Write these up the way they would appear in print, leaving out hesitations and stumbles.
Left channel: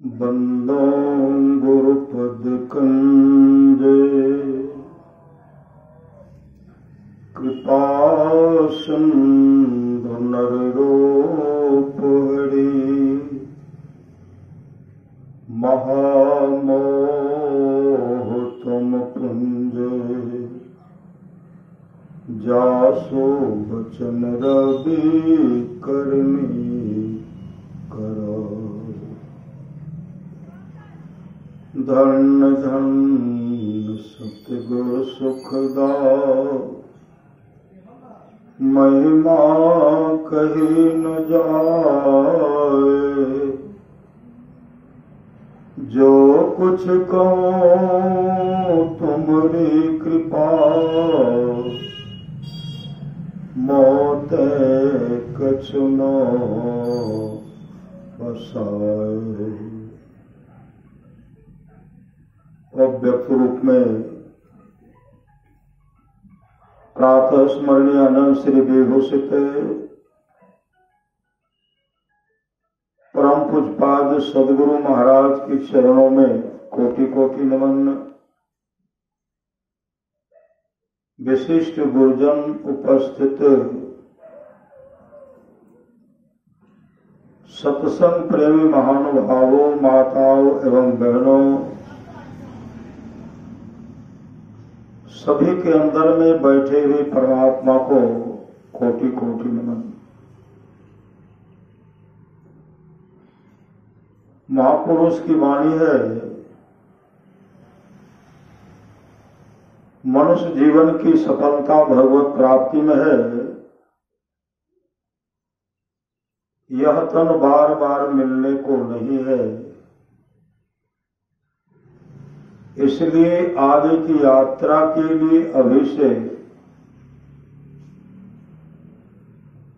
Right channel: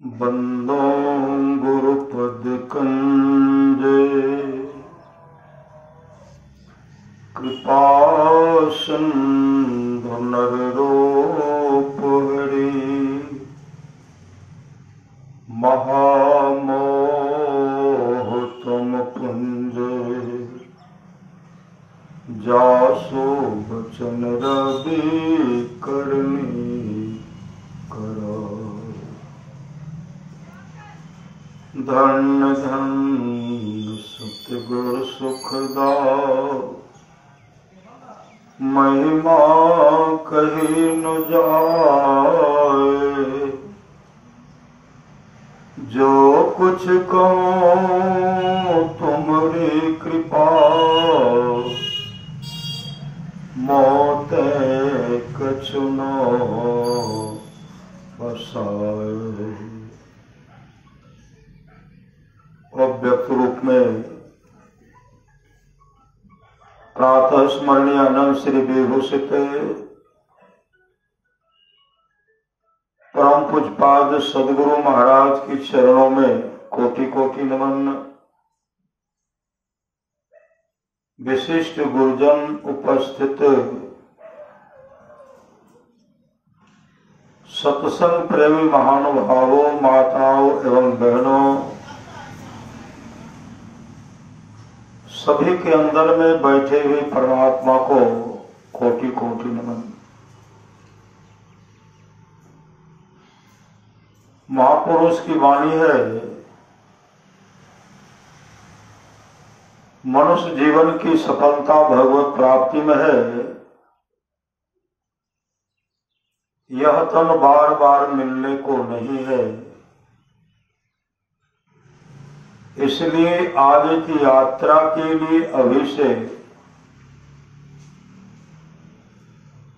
बंदो गुरुपद कंजे कृपा सिंधु नररूप हरि महामोह तुम पुंज जासो बचन रवि करनी करो। धन धन सतगुरु सुखदाओ महिमा कही न जाए। जो कुछ कहूँ तुम्हारी कृपा मोते कछु न बसाए। अव्यक्त रूप में प्रातः स्मरणीय अनंत श्री विभूषित परम पूज्यपाद सदगुरु महाराज के चरणों में कोटि कोटि नमन। विशिष्ट गुरुजन उपस्थित सत्संग प्रेमी महानुभावों, माताओं एवं बहनों, सभी के अंदर में बैठे हुए परमात्मा को कोटि कोटि नमन। महापुरुष की वाणी है, मनुष्य जीवन की सफलता भगवत प्राप्ति में है। यह तन बार बार मिलने को नहीं है, इसलिए आगे की यात्रा के लिए अभी से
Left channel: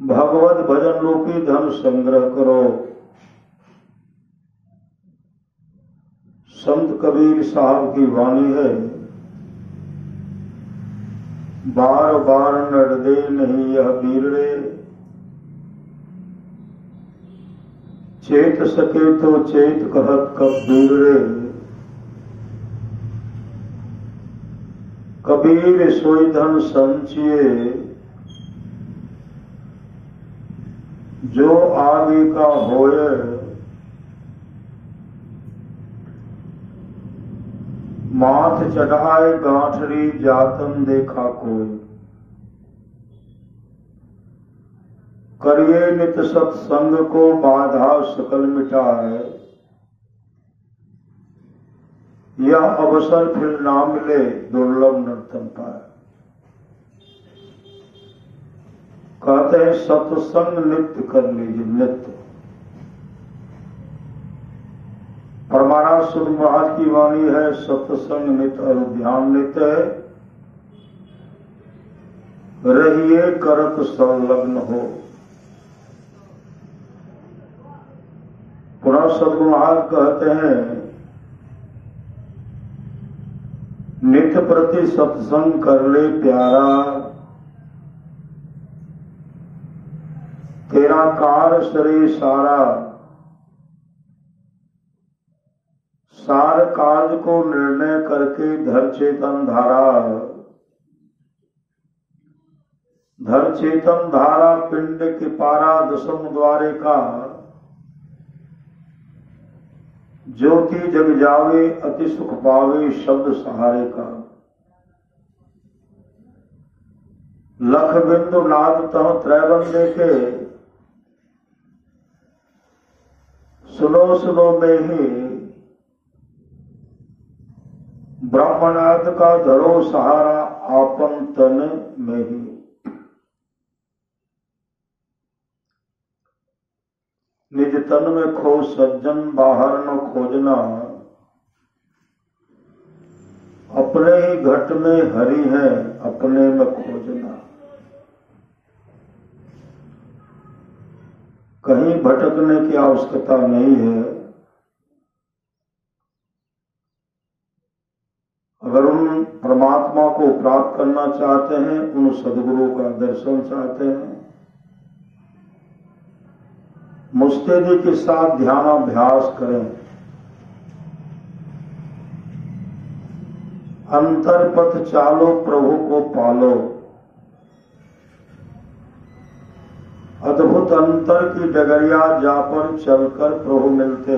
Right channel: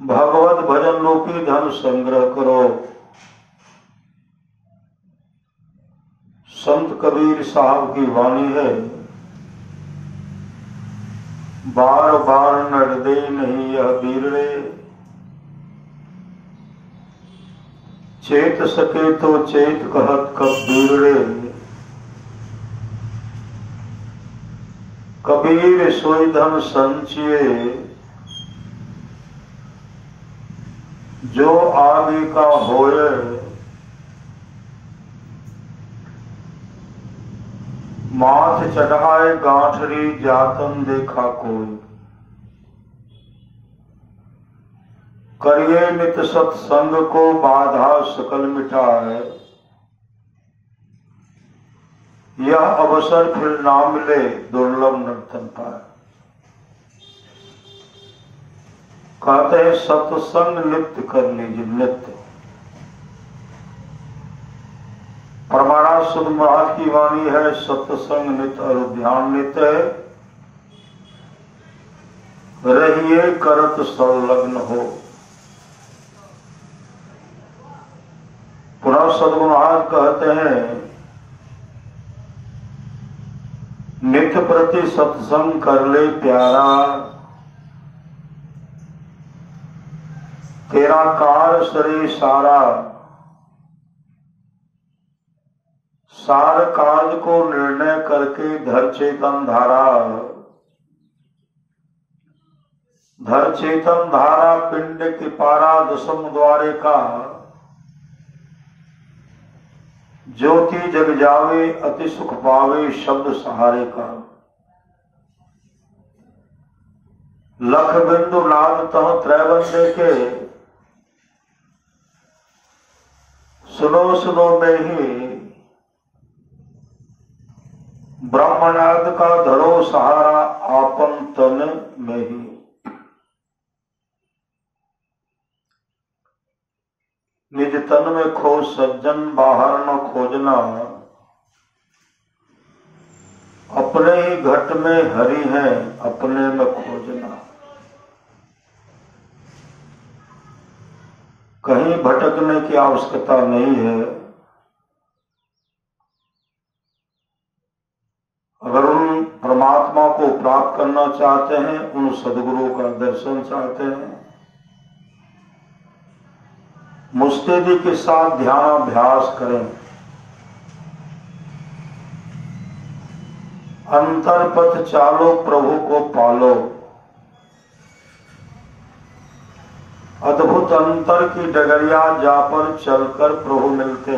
भगवत भजन रूपी धन संग्रह करो। संत कबीर साहब की वाणी है, बार बार नरदे नहीं यह बीरड़े, चेत सके तो चेत कहत कब बीरड़े। कबीर सोई धन संचिए जो आगे का होए। माथ चढ़ाए गांठरी जातन देखा कोई, करिए नित सत्संग को बाधा सकल मिटाए। यह अवसर फिर ना मिले दुर्लभ नर्तन पाए। कहते हैं सत्संग नित्य कर लीजिए, नित्य। परमारा सुध महाराज की वाणी है, सत्संग नित्य और ध्यान नित्य है। रहिए करत संलग्न हो। पुनः सद्गुरु महाराज कहते हैं नित्य प्रति सत्संग कर ले प्यारा, तेरा कार सरे सारा। सार काज को निर्णय करके धर चेतन धारा। धर चेतन धारा पिंड की पारा दशम द्वारे का। ज्योति जग जावे अति सुख पावे शब्द सहारे का। लख बिंदु लाद तह त्रैबंदे के। सुनो सुनो सुनो में ही ब्रह्मनाद का धरो सहारा आपन तन में ही। निज तन में खोज सज्जन बाहर न खोजना, अपने ही घट में हरि है अपने में खोजना। कहीं भटकने की आवश्यकता नहीं है। अगर उन परमात्मा को प्राप्त करना चाहते हैं, उन सदगुरु का दर्शन चाहते हैं, मुस्तैदी के साथ ध्यान अभ्यास करें। अंतर पथ चालो प्रभु को पालो। अद्भुत अंतर की डगरिया जा पर चलकर प्रभु मिलते।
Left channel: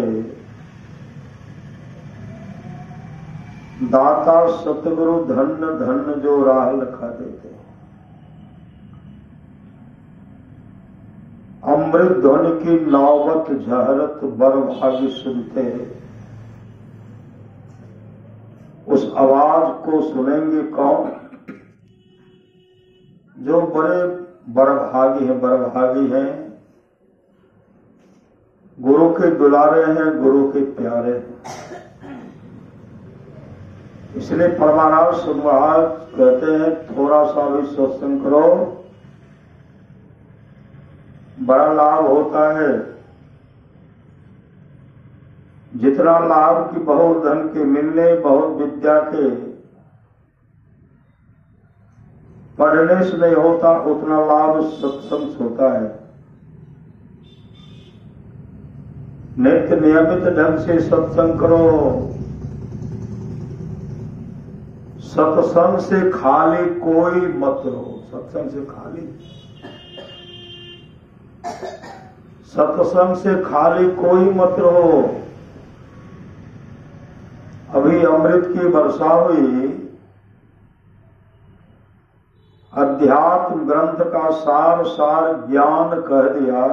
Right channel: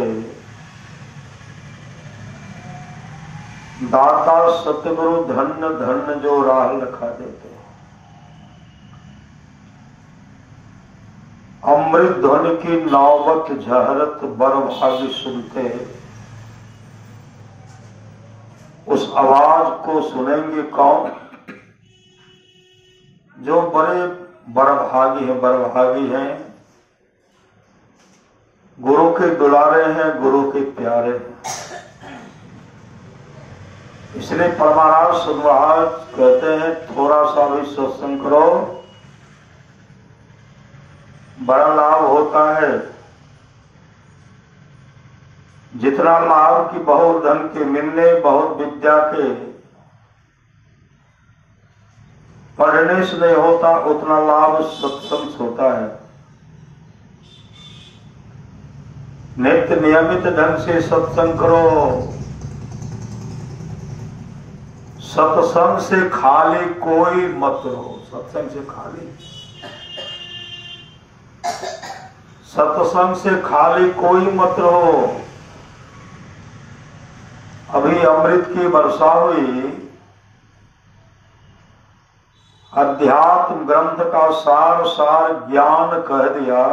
दाता सतगुरु धन्य धन्य जो राह लखा देते। अमृत ध्वनि की नौबत झहरत बर भाग्य सुनते। उस आवाज को सुनेंगे कौन? जो बड़े बड़भागी हैं, गुरु के दुलारे हैं, गुरु के प्यारे हैं। इसलिए परमानंद महाराज कहते हैं, थोड़ा सा भी सत्संग करो, बड़ा लाभ होता है। जितना लाभ की बहुत धन के मिलने, बहुत विद्या के पढ़ने से नहीं होता, उतना लाभ सत्संग से होता है। नित्य नियमित ढंग से सत्संग करो। सत्संग से खाली कोई मत रहो। सत्संग से खाली, सत्संग से खाली कोई मत रहो। अभी अमृत की वर्षा हुई। अध्यात्म ग्रंथ का सार सार ज्ञान कह दिया।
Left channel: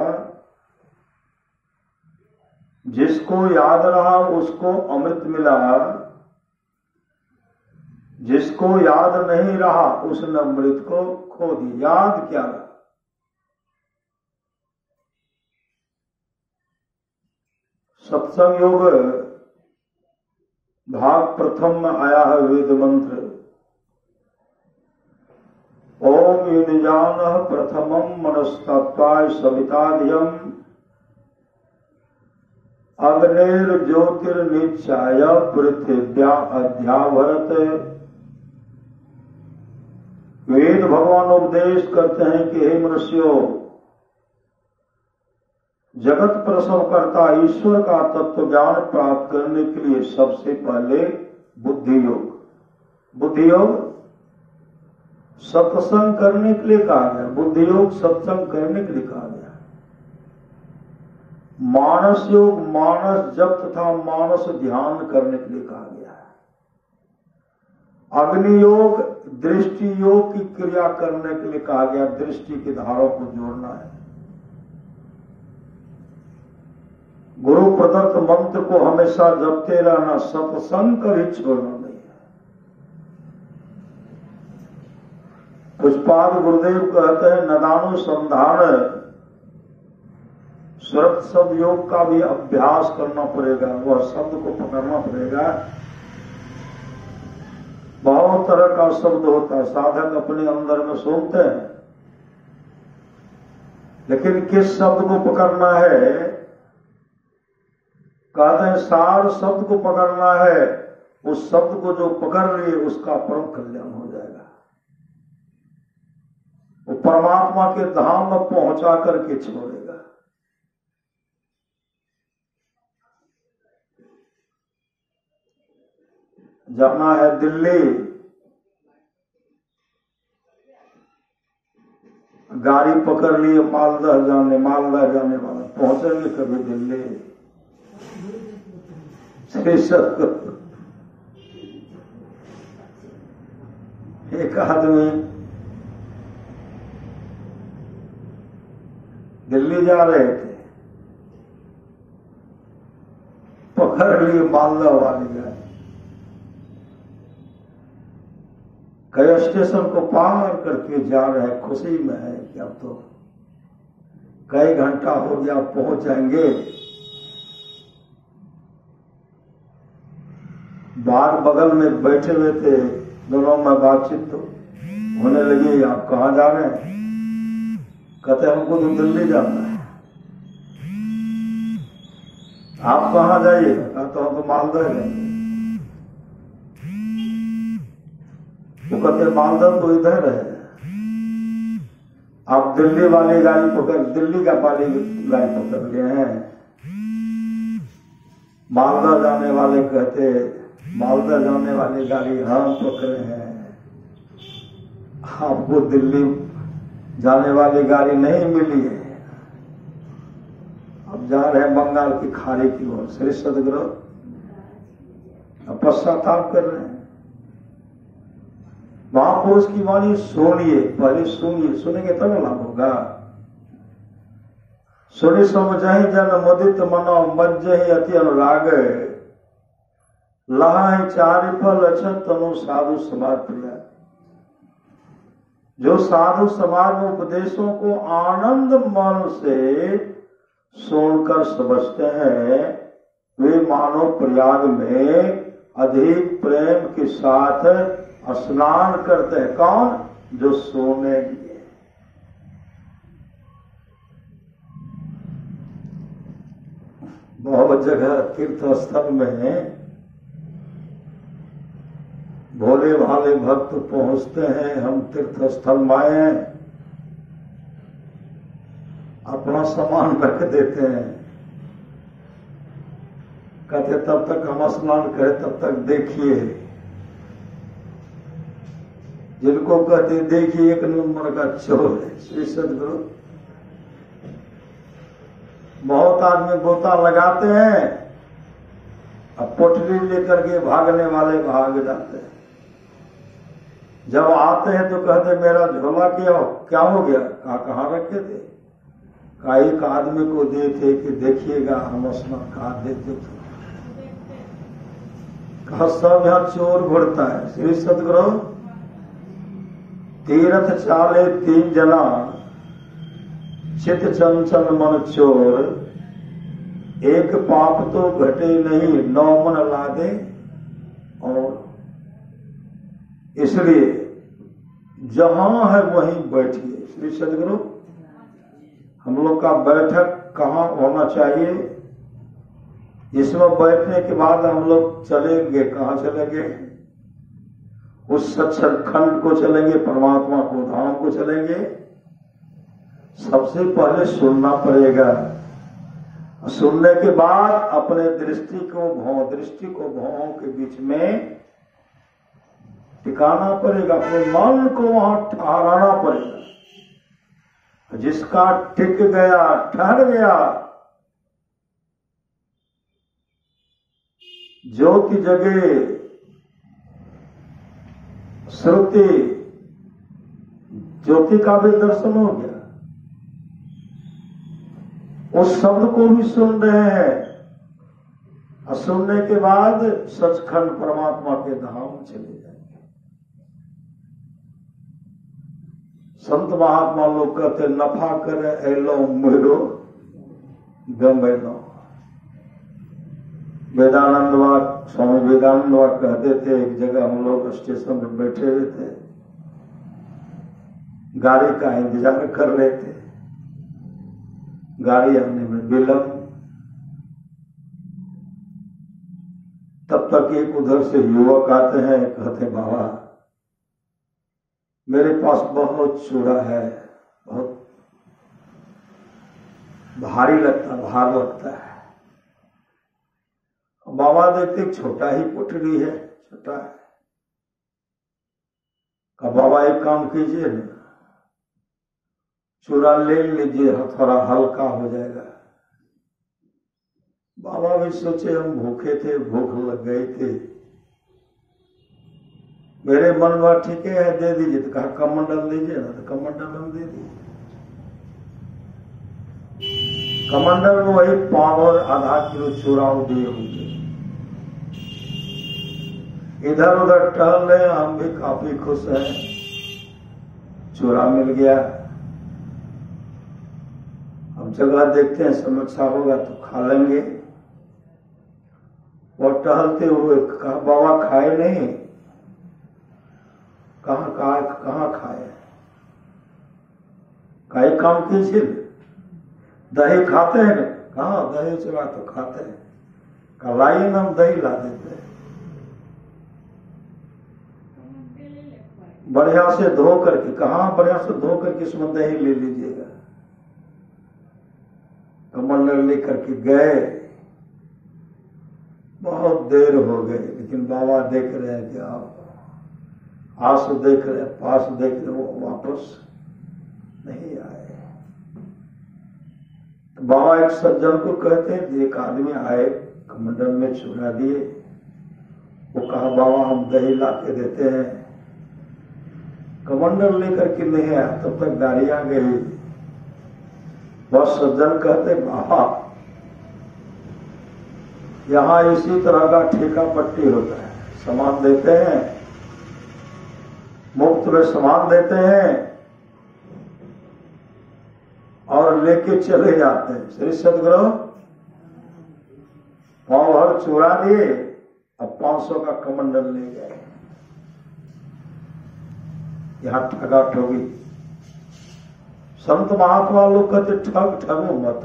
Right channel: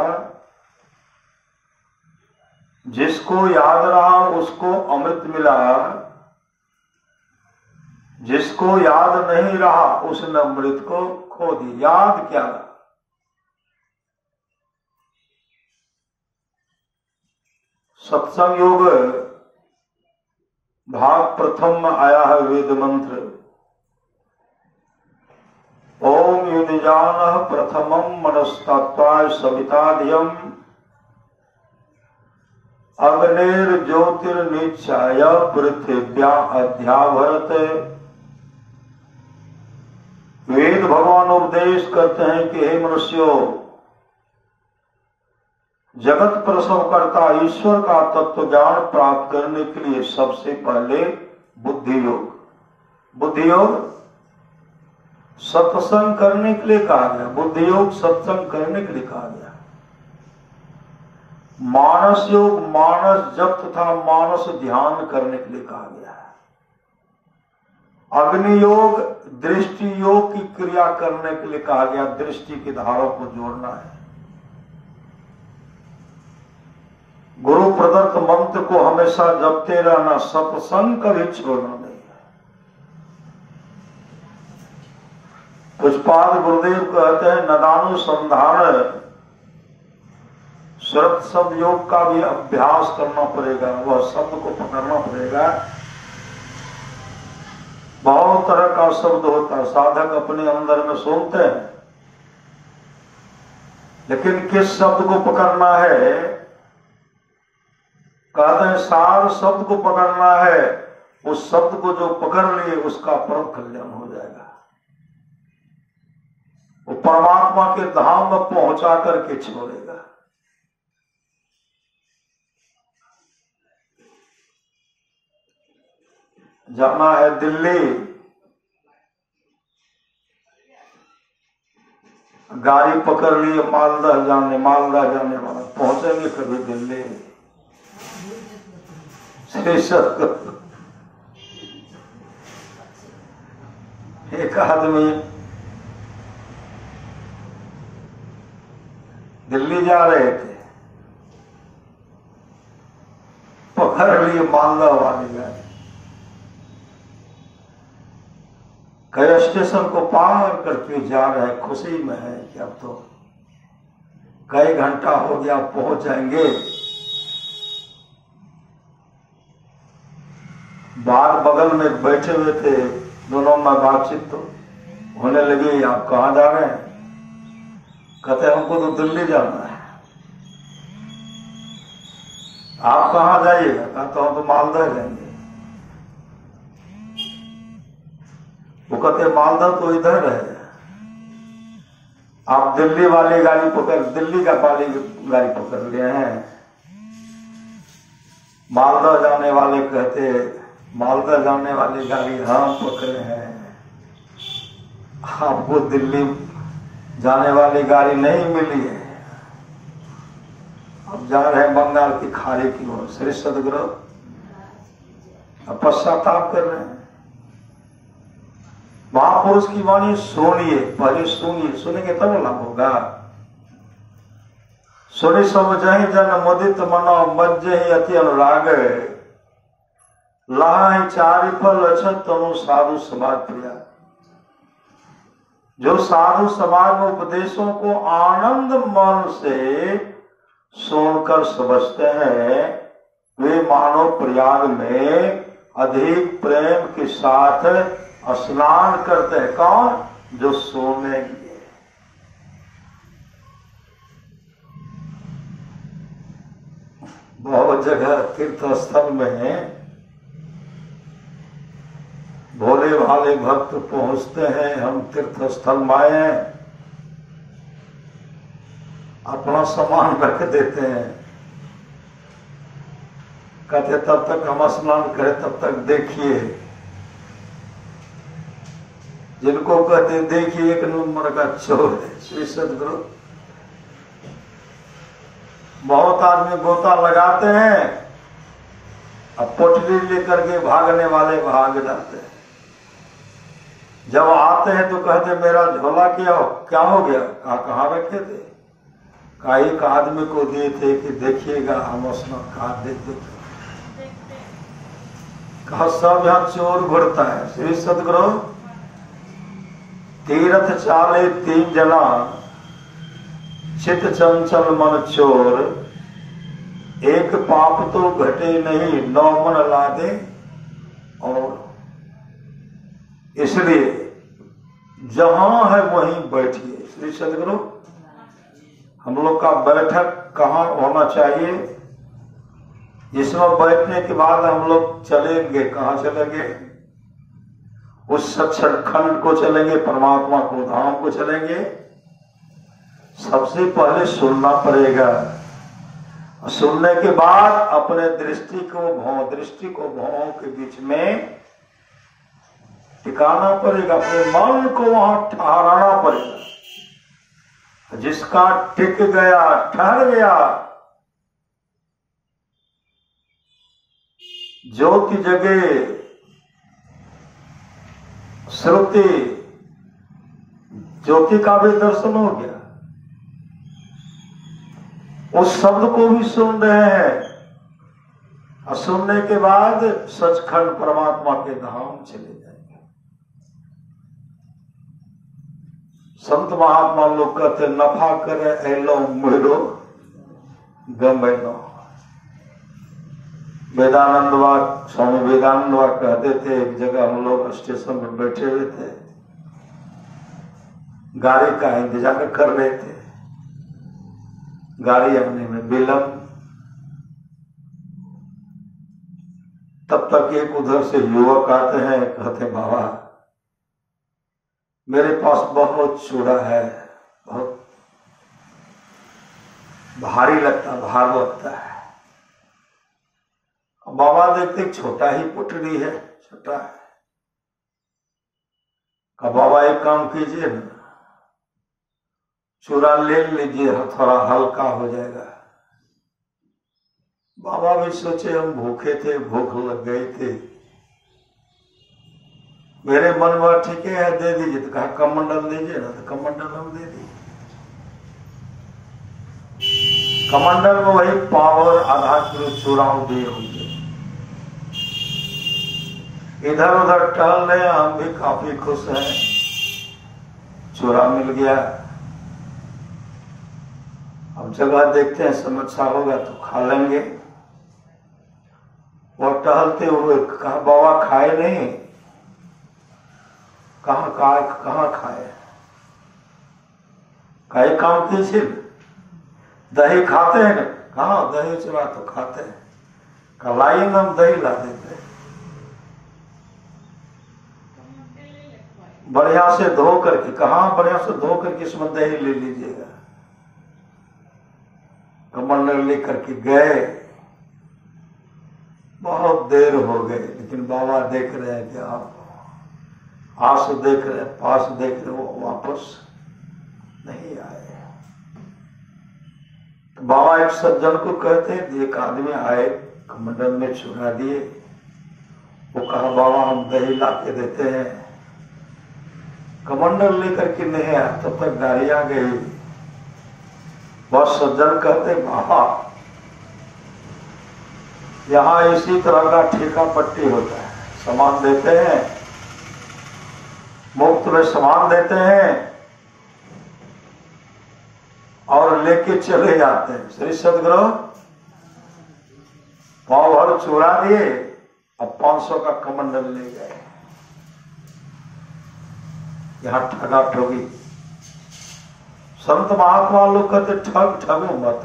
जिसको याद रहा उसको अमृत मिला, जिसको याद नहीं रहा उसने अमृत को खो दिया। याद क्या रहा? सत्संग योग भाग प्रथम में आया है वेद मंत्र। ओम युनिजान प्रथमम मनस्तत्वाय सविताधियम अग्नेर ज्योतिर्निचाय पृथिव्या अध्यावरत। वेद भगवान उपदेश करते हैं कि हे मनुष्यों, जगत प्रसव करता ईश्वर का तत्व ज्ञान प्राप्त करने के लिए सबसे पहले बुद्धि योग सत्संग करने के लिए कहा गया। बुद्धि योग सत्संग करने के लिए कहा गया। मानस योग मानस जप तथा मानस ध्यान करने के लिए कहा गया है। अग्नि योग दृष्टि योग की क्रिया करने के लिए कहा गया। दृष्टि की धारों को जोड़ना है। गुरु प्रदत्त मंत्र को हमेशा जपते रहना, सत्संग कभी छोड़ना नहीं है। पुष्पाद गुरुदेव कहते हैं, नदानुसंधान शब्द शब्द योग का भी अभ्यास करना पड़ेगा। वह शब्द को पकड़ना पड़ेगा। बहुत तरह का शब्द होता है, साधक अपने अंदर में सुनते हैं, लेकिन किस शब्द को पकड़ना है? कहते हैं सार शब्द को पकड़ना है। उस शब्द को जो पकड़ लिए उसका परम कल्याण हो जाएगा। वो परमात्मा के धाम में पहुंचा करके छोड़ेगा। जाना है दिल्ली, गाड़ी पकड़ लिए मालदा जाने वाला, पहुंचेंगे कभी दिल्ली। एक आदमी दिल्ली जा रहे थे, पकड़ लिए मालदा वाली गाड़ी। कई स्टेशन को पार करके जा रहे, खुशी में है कि अब तो कई घंटा हो गया, पहुंच जाएंगे। बाहर बगल में बैठे हुए थे, दोनों में बातचीत तो होने लगी। आप कहाँ जा रहे हैं? कहते हमको तो दिल्ली जाना है। आप कहाँ जाइएगा? कहता हूं तो मालदा रहेंगे। वो कहते मालदा तो इधर है, आप दिल्ली वाली गाड़ी पकड़, दिल्ली का वाली गाड़ी पकड़ लिए हैं। मालदा जाने वाले कहते मालदा जाने वाली गाड़ी हम पकड़े हैं, आपको दिल्ली जाने वाली गाड़ी नहीं मिली है। अब जा रहे हैं बंगाल की खाड़ी की ओर। श्री सदगुरु पश्चाताप कर रहे हैं। महापुरुष की वाणी सुनिए, पहले सुनिए, सुनेंगे तब लाभ होगा। सुनि समझहि जन मुदित मनो मज्जहि अति अनुराग, लहाहि चारि फल अछत तनु साधु समाज प्रिया। जो साधु समाज में उपदेशों को आनंद मन से सुनकर समझते हैं, वे मानव प्रयाग में अधिक प्रेम के साथ स्नान करते हैं। कौन? जो सोने लिए। बहुत जगह तीर्थ स्थल में भोले भाले भक्त पहुंचते हैं, हम तीर्थ स्थल में आए हैं, अपना सामान रख देते हैं। कहते तब तक हम स्नान करें, तब तक देखिए। जिनको कहते देखिए एक नंबर का चोर है। श्री सदगुरु बहुत आदमी गोता लगाते हैं, अब पोटली लेकर के भागने वाले भाग जाते हैं। जब आते हैं तो कहते मेरा झोला क्या हो गया? कहाँ रखे थे? कहा एक आदमी को दिए थे कि देखिएगा, हम स्नान कहा देते थे। कहा सब यहाँ चोर भरता है। श्री सदगुरु तीर्थ चाले तीन जना, चित चंचल मन चोर, एक पाप तो घटे नहीं, 9 मन लादे। और इसलिए जहां है वहीं बैठिए। श्री सदगुरु हम लोग का बैठक कहाँ होना चाहिए? इसमें बैठने के बाद हम लोग चलेंगे, कहाँ चलेंगे? उस सच्चखंड को चलेंगे, परमात्मा को धाम को चलेंगे। सबसे पहले सुनना पड़ेगा। सुनने के बाद अपने दृष्टि को भावों के बीच में टिकाना पड़ेगा, अपने मन को वहां ठहराना पड़ेगा। जिसका टिक गया, ठहर गया, ज्योति जगे, श्रुति, ज्योति का भी दर्शन हो गया। उस शब्द को भी सुन रहे हैं, और सुनने के बाद सचखंड परमात्मा के धाम चले जाएंगे। संत महात्मा लोग कहते नफा करे एलो मेरो गमेनो। स्वामी वेदानंद कहते थे, एक जगह हम लोग स्टेशन पर बैठे हुए थे, गाड़ी का इंतजार कर रहे थे, गाड़ी आने में विलंब। तब तक एक उधर से युवक आते हैं, कहते बाबा मेरे पास बहुत चूड़ा है, बहुत भारी लगता, भार लगता है। बाबा देखते छोटा ही पुटली है, छोटा है। का बाबा एक काम कीजिए ना, चूड़ा ले लीजिए, थोड़ा हल्का हो जाएगा। बाबा भी सोचे हम भूखे थे, भूख लग गई थी, मेरे मन में ठीक है दे दीजिए। तो कहा कमंडल दीजिए ना, तो कमंडल हम दे दिए। कमंडल में वही पावर आधा किलो चूड़ा दिए होंगे। इधर उधर टहल रहे, हम भी काफी खुश हैं, चूरा मिल गया। अब जगह देखते हैं, समस्या होगा तो खा लेंगे। और टहलते हुए कहा बाबा खाए नहीं, कहाँ खाए, कई काम कीजिए, दही खाते हैं, कहाँ दही चुरा तो खाते हैं, कलाई में हम दही ला देते हैं, बढ़िया से धो करके, कहाँ बढ़िया से धो करके इसमें दही ले लीजिएगा। कमंडल लेकर के गए, बहुत देर हो गई, लेकिन बाबा देख रहे हैं कि आप आस देख रहे, पास देख रहे, वो वापस नहीं आए। तो बाबा एक सज्जन को कहते हैं, एक आदमी आए, कमंडल में चुरा दिए, वो कहा बाबा हम दही ला के देते हैं। कमंडल लेकर के नहीं आया, तब तक गाड़ी आ गई। वह सज्जन कहते बाबा यहाँ इसी तरह का ठेका पट्टी होता है, सामान देते हैं, मुफ्त में सामान देते हैं और लेके चले जाते हैं। श्री सदगुरु पाव भर चुरा दिए, अब 500 का कमंडल ले गए। यहां ठगा ठगी। संत महात्मा लोग कहते ठगो मत,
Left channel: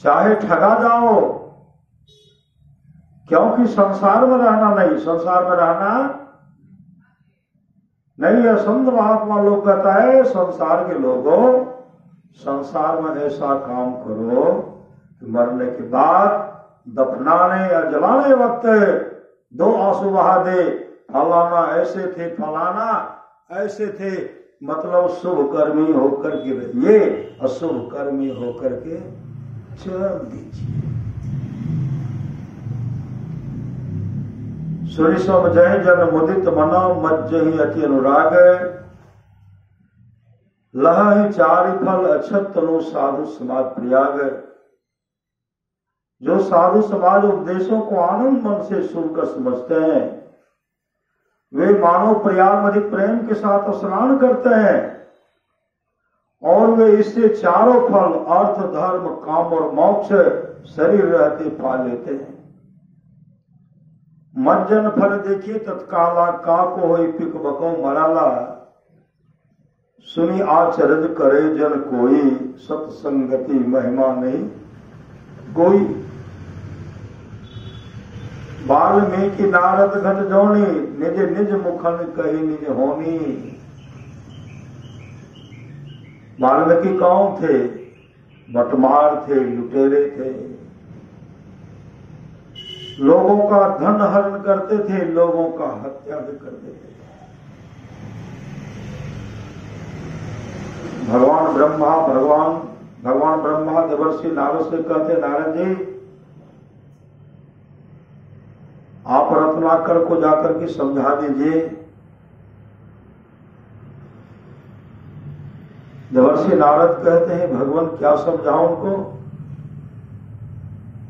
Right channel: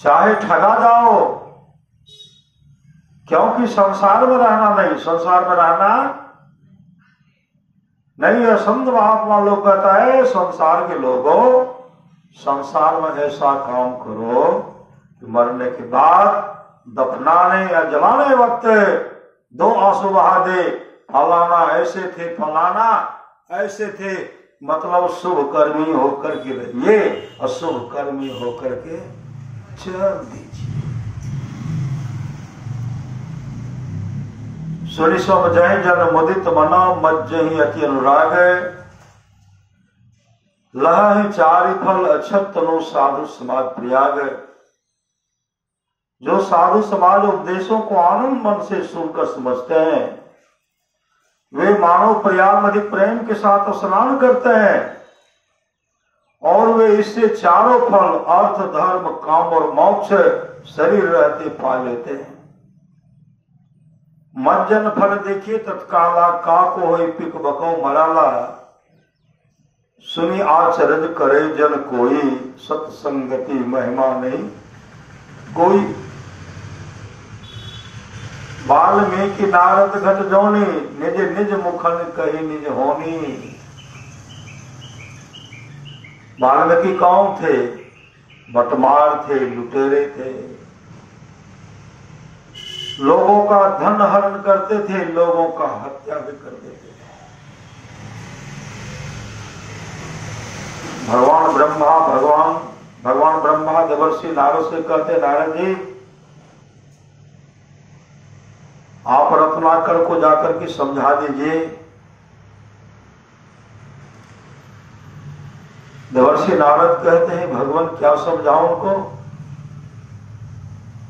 चाहे ठगा जाओ, क्योंकि संसार में रहना नहीं, संसार में रहना नहीं है। संत महात्मा लोग कहता है संसार के लोगों, संसार में ऐसा काम करो कि मरने के बाद दफनाने या जलाने वक्त 2 आंसू बहा दे, फलाना ऐसे थे, फलाना ऐसे थे, मतलब शुभ कर्मी होकर के रहिए, अशुभ कर्मी होकर के चल दीजिए। सुनि समझहि जन मुदित मनो मज्जहि अति अनुराग, लह चारि फल अक्षत तनु साधु समाज प्रयाग। जो साधु समाज उपदेशों को आनंद मन से सुनकर समझते हैं, वे मानव प्रयाग अधिक प्रेम के साथ स्नान करते हैं और वे इससे चारों फल अर्थ धर्म काम और मोक्ष शरीर रहते पा लेते हैं। मज्जन फल देखिए तत्काला, का को होई पिक बको मराला, सुनी आचरज करे जन कोई, सत्संगति महिमा नहीं कोई। वाल्मीकि नारद घट जोनी, निज निज मुखन कही निज होनी। वाल्मीकि कौन थे? बटमार थे, लुटेरे थे, लोगों का धन हरण करते थे, लोगों का हत्या भी करते थे। भगवान ब्रह्मा देवर्षि नारद से कहते, नारद जी आप रत्नाकर को जाकर के समझा दीजिए। देवर्षि नारद कहते हैं, भगवान क्या समझाओ उनको,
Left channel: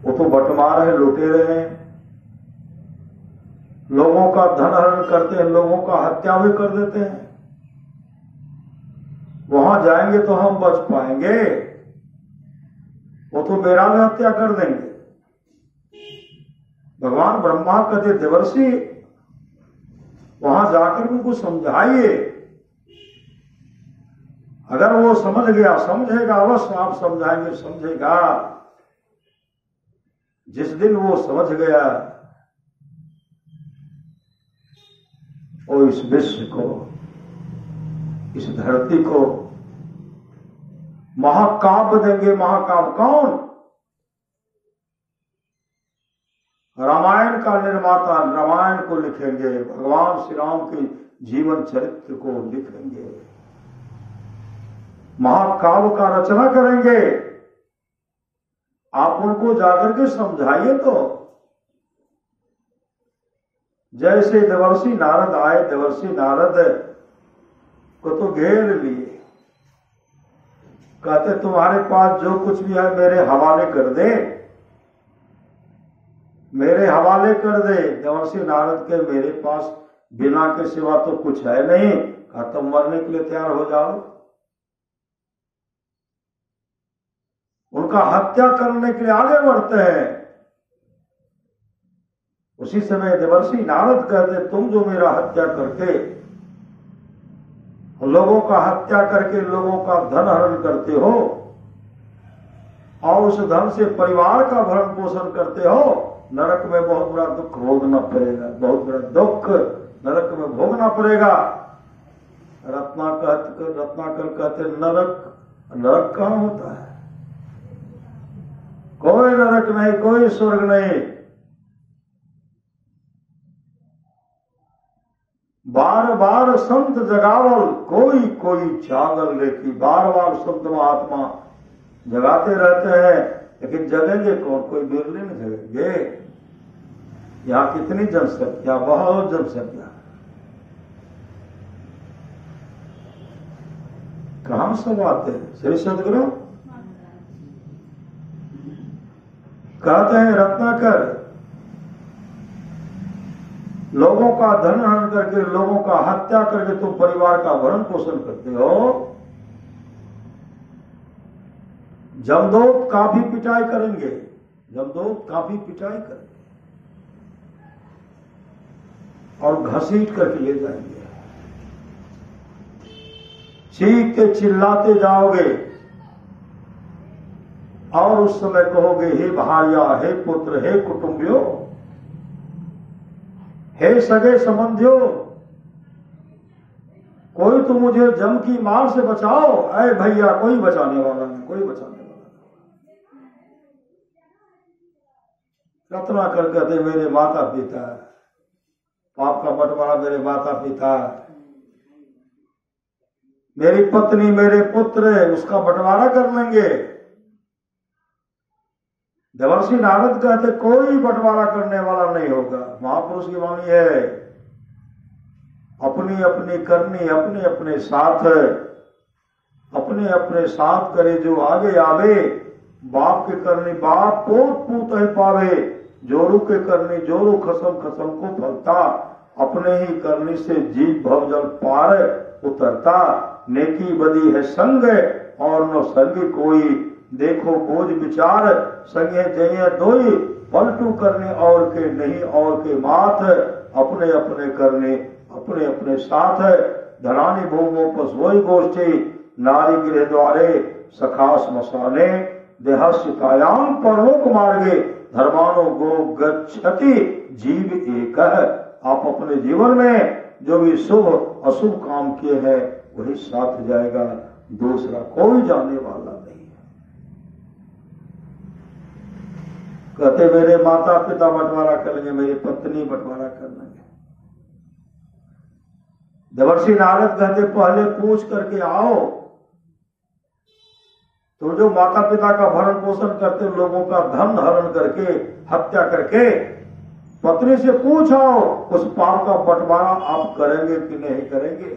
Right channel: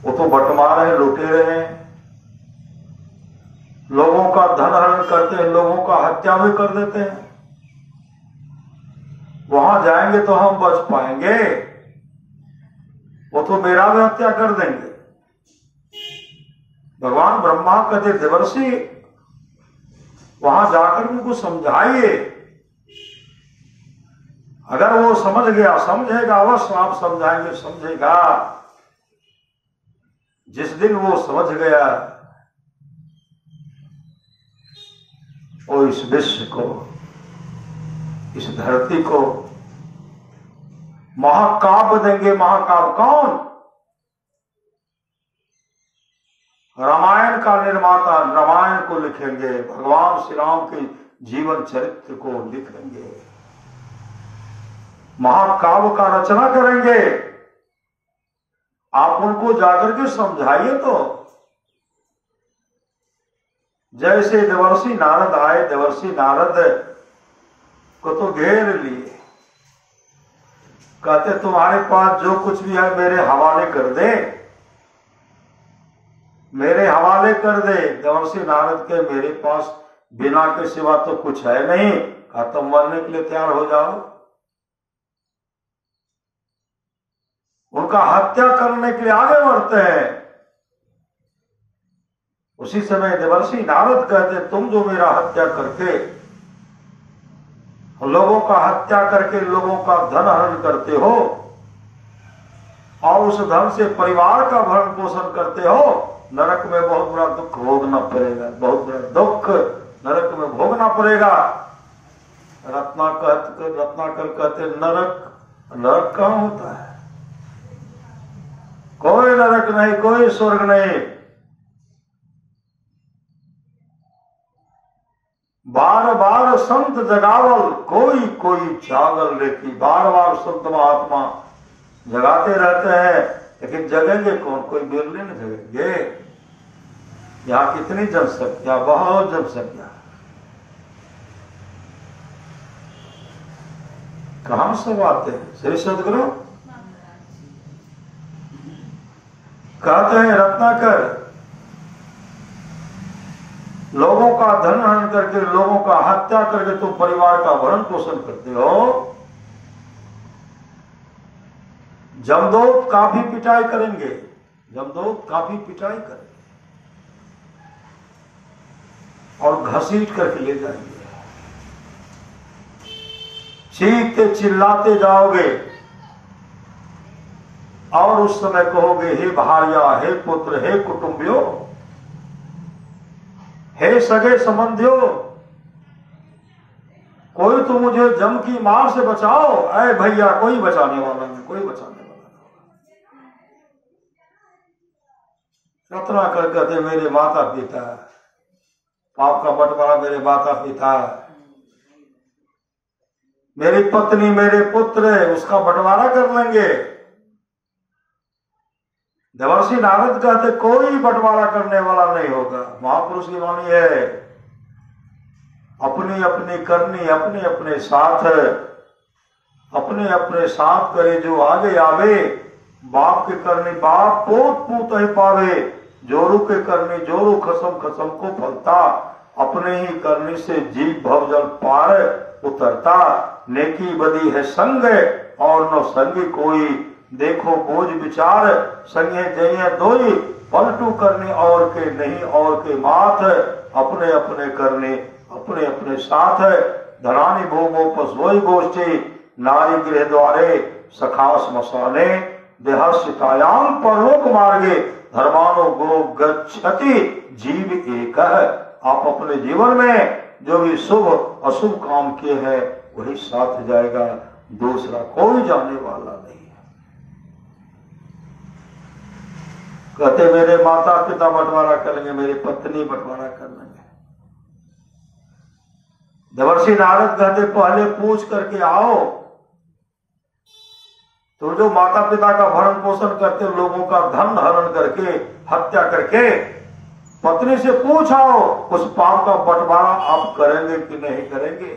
वो तो बटमार है, लुटेरे हैं, लोगों का धन हरण करते हैं, लोगों का हत्या भी कर देते हैं। वहां जाएंगे तो हम बच पाएंगे, वो तो मेरा भी हत्या कर देंगे। भगवान ब्रह्मा कहते, देवर्षि वहां जाकर उनको समझाइए, अगर वो समझ गया, समझेगा, अवश्य आप समझाएंगे, समझेगा। जिस दिन वो समझ गया, वो इस विश्व को, इस धरती को महाकाव्य देंगे। महाकाव्य कौन? रामायण का निर्माता रामायण को लिखेंगे, भगवान श्री राम के जीवन चरित्र को लिखेंगे, महाकाव्य का रचना करेंगे। आप उनको जाकर के समझाइए। तो जैसे देवर्षि नारद आए, देवर्षि नारद को तो घेर लिए, कहते तुम्हारे पास जो कुछ भी है मेरे हवाले कर दे, मेरे हवाले कर दे। देवर्षि नारद के मेरे पास बिना के सिवा तो कुछ है नहीं। कहा तुम मरने के लिए तैयार हो जाओ। उनका हत्या करने के लिए आगे बढ़ते हैं। उसी समय देवर्षि नारद कहते तुम जो मेरा हत्या करके, लोगों का हत्या करके लोगों का धन हरण करते हो और उस धन से परिवार का भरण पोषण करते हो, नरक में बहुत बड़ा दुख भोगना पड़ेगा। बहुत बड़ा दुख नरक में भोगना पड़ेगा। रत्नाकर कहते नरक कहां होता है? कोई नरक नहीं, कोई स्वर्ग नहीं। बार बार संत जगावल, कोई कोई जागल लेती। बार बार संत महात्मा जगाते रहते हैं, लेकिन जगेंगे कौन? कोई बिरले न जगेंगे। यहां कितनी जनसंख्या, बहुत जनसंख्या, कहां सब आते हैं? श्री सदगुरु कहते हैं रत्नाकर, लोगों का धन हरण करके, लोगों का हत्या करके तुम परिवार का भरण पोषण करते हो। जमदूत काफी पिटाई करेंगे, जमदूत काफी पिटाई करेंगे और घसीट करके ले जाएंगे। चीखते चिल्लाते जाओगे और उस समय कहोगे हे भार्या, हे पुत्र, हे कुटुंबियों, हे सगे संबंधियों, कोई तो मुझे जम की मार से बचाओ। अरे भैया, कोई बचाने वाला नहीं, कोई बचाने वाला नहीं। रत्नाकर कहते मेरे माता पिता, पाप का बंटवारा मेरे माता पिता, मेरी पत्नी, मेरे पुत्र, उसका बंटवारा कर लेंगे। देवर्षि नारद कहते कोई बंटवारा करने वाला नहीं होगा। महापुरुष की वाणी है, अपनी अपनी करनी अपने अपने साथ, अपने अपने साथ करे जो आगे आवे। बाप के करनी बाप, पोत पूत ही पावे। जोरू के करनी जोरू, खसम खसम को फलता। अपने ही करनी से जीव भवजल पार उतरता। नेकी बदी है संग और न संगी कोई, देखो बोझ विचार संगे जय दोई। पलटू करने और के नहीं और के माथ, अपने अपने करने अपने अपने साथ। धरानी भूमो पशुई गोष्ठी, नारी गृह द्वारे सखा स्मशाने। देहस्यतायाम परलोक मार्गे, धर्मानो गो गच्छति जीव एक। आप अपने जीवन में जो भी शुभ अशुभ काम किए हैं वही साथ जाएगा, दूसरा कोई जाने वाला नहीं है। कहते मेरे माता पिता बंटवारा करेंगे, मेरी पत्नी बंटवारा कर लेंगे। देवर्षि नारद कहते पहले पूछ करके आओ, तो जो माता पिता का भरण पोषण करते, लोगों का धन हरण करके, हत्या करके, पत्नी से पूछो उस पाप का बंटवारा आप करेंगे कि नहीं करेंगे।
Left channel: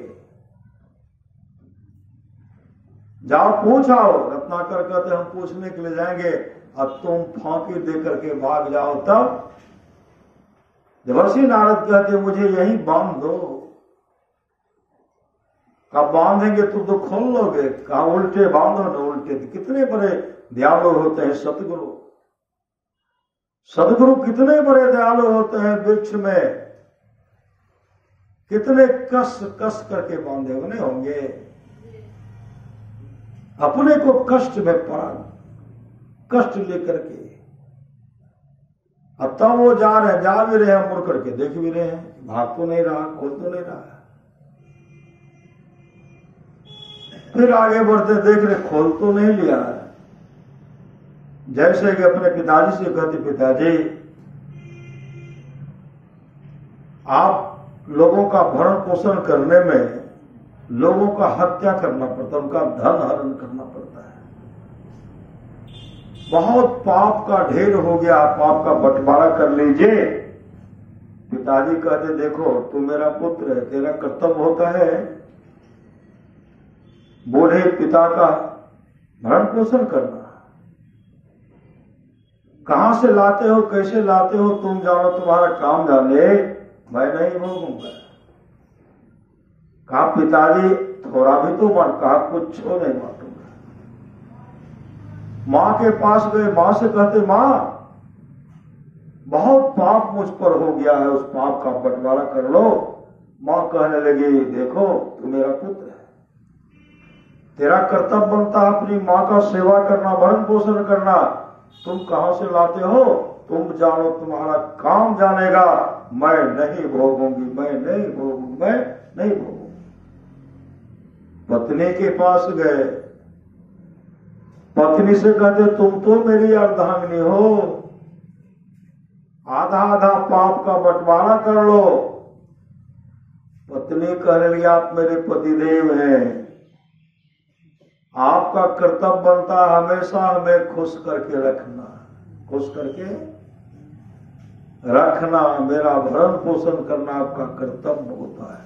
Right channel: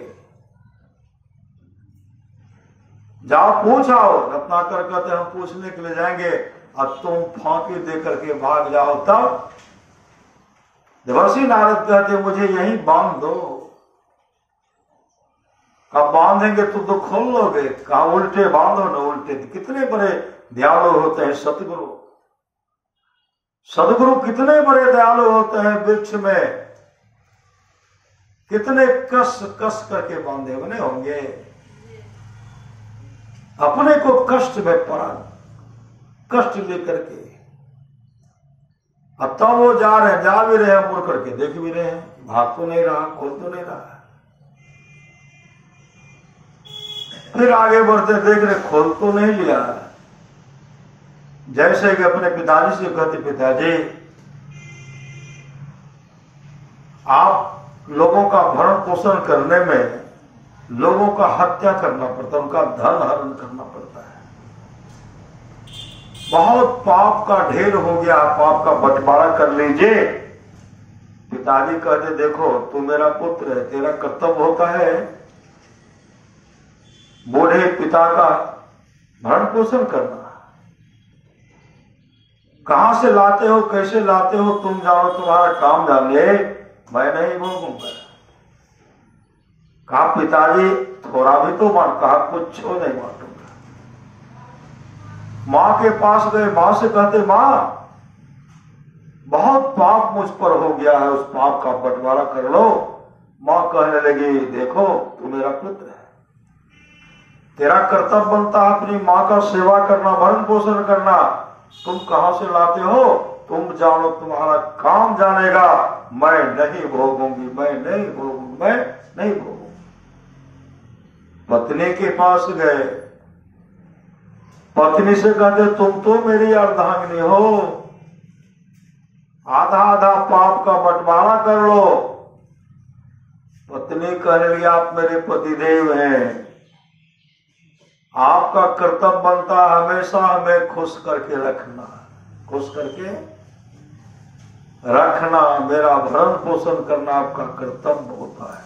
जाओ पूछाओ। रत्नाकर कहते हम पूछने के लिए जाएंगे और तुम फांकी दे करके भाग जाओ तब। देवर्षि नारद कहते मुझे यहीं बांध दो। कब बांधेंगे तुम तो खोल लोगे, कहा उल्टे बांधो न उल्टे। कितने बड़े दयालु होते हैं सतगुरु, सदगुरु कितने बड़े दयालु होते हैं। वृक्ष में कितने कस कस करके बांधे बने होंगे। अपने को कष्ट में पड़ा, कष्ट लेकर के, अब तो वो जा रहे, जा भी रहे हैं, मुड़ करके देख भी रहे हैं, भाग तो नहीं रहा, खोल तो नहीं रहा। फिर आगे बढ़ते देख रहे, खोल तो नहीं लिया। जैसे कि अपने पिताजी से कहते पिताजी आप लोगों का भरण पोषण करने में लोगों का हत्या करना पड़ता है, उनका धन हरण करना पड़ता है। बहुत पाप का ढेर हो गया, पाप का बंटवारा कर लीजिए। पिताजी कहते देखो तू मेरा पुत्र है, तेरा कर्तव्य होता है बूढ़े पिता का भरण पोषण करना। कहां से लाते हो, कैसे लाते हो, तुम जानो, तुम्हारा काम जाने, मैं नहीं भोगूंगा। कहा पिताजी थोड़ा भी तो बांट, कहा कुछ नहीं बांटूंगा। मां के पास गए, मां से कहते मां बहुत पाप मुझ पर हो गया है, उस पाप का बंटवारा कर लो। मां कहने लगी देखो तू मेरा पुत्र है, तेरा कर्तव्य बनता है अपनी मां का सेवा करना, भरण पोषण करना। तुम कहां से लाते हो, तुम जानो, तुम्हारा काम जानेगा। मैं नहीं भोगूंगी, मैं नहीं भोगूंगी, मैं नहीं भोगूंगी। पत्नी के पास गए, पत्नी से कहते तुम तो मेरी अर्धांगिनी हो, आधा आधा पाप का बंटवारा कर लो। पत्नी कहने लगी आप मेरे पतिदेव हैं, आपका कर्तव्य बनता हमेशा हमें खुश करके रखना, खुश करके रखना, मेरा भरण पोषण करना आपका कर्तव्य होता है।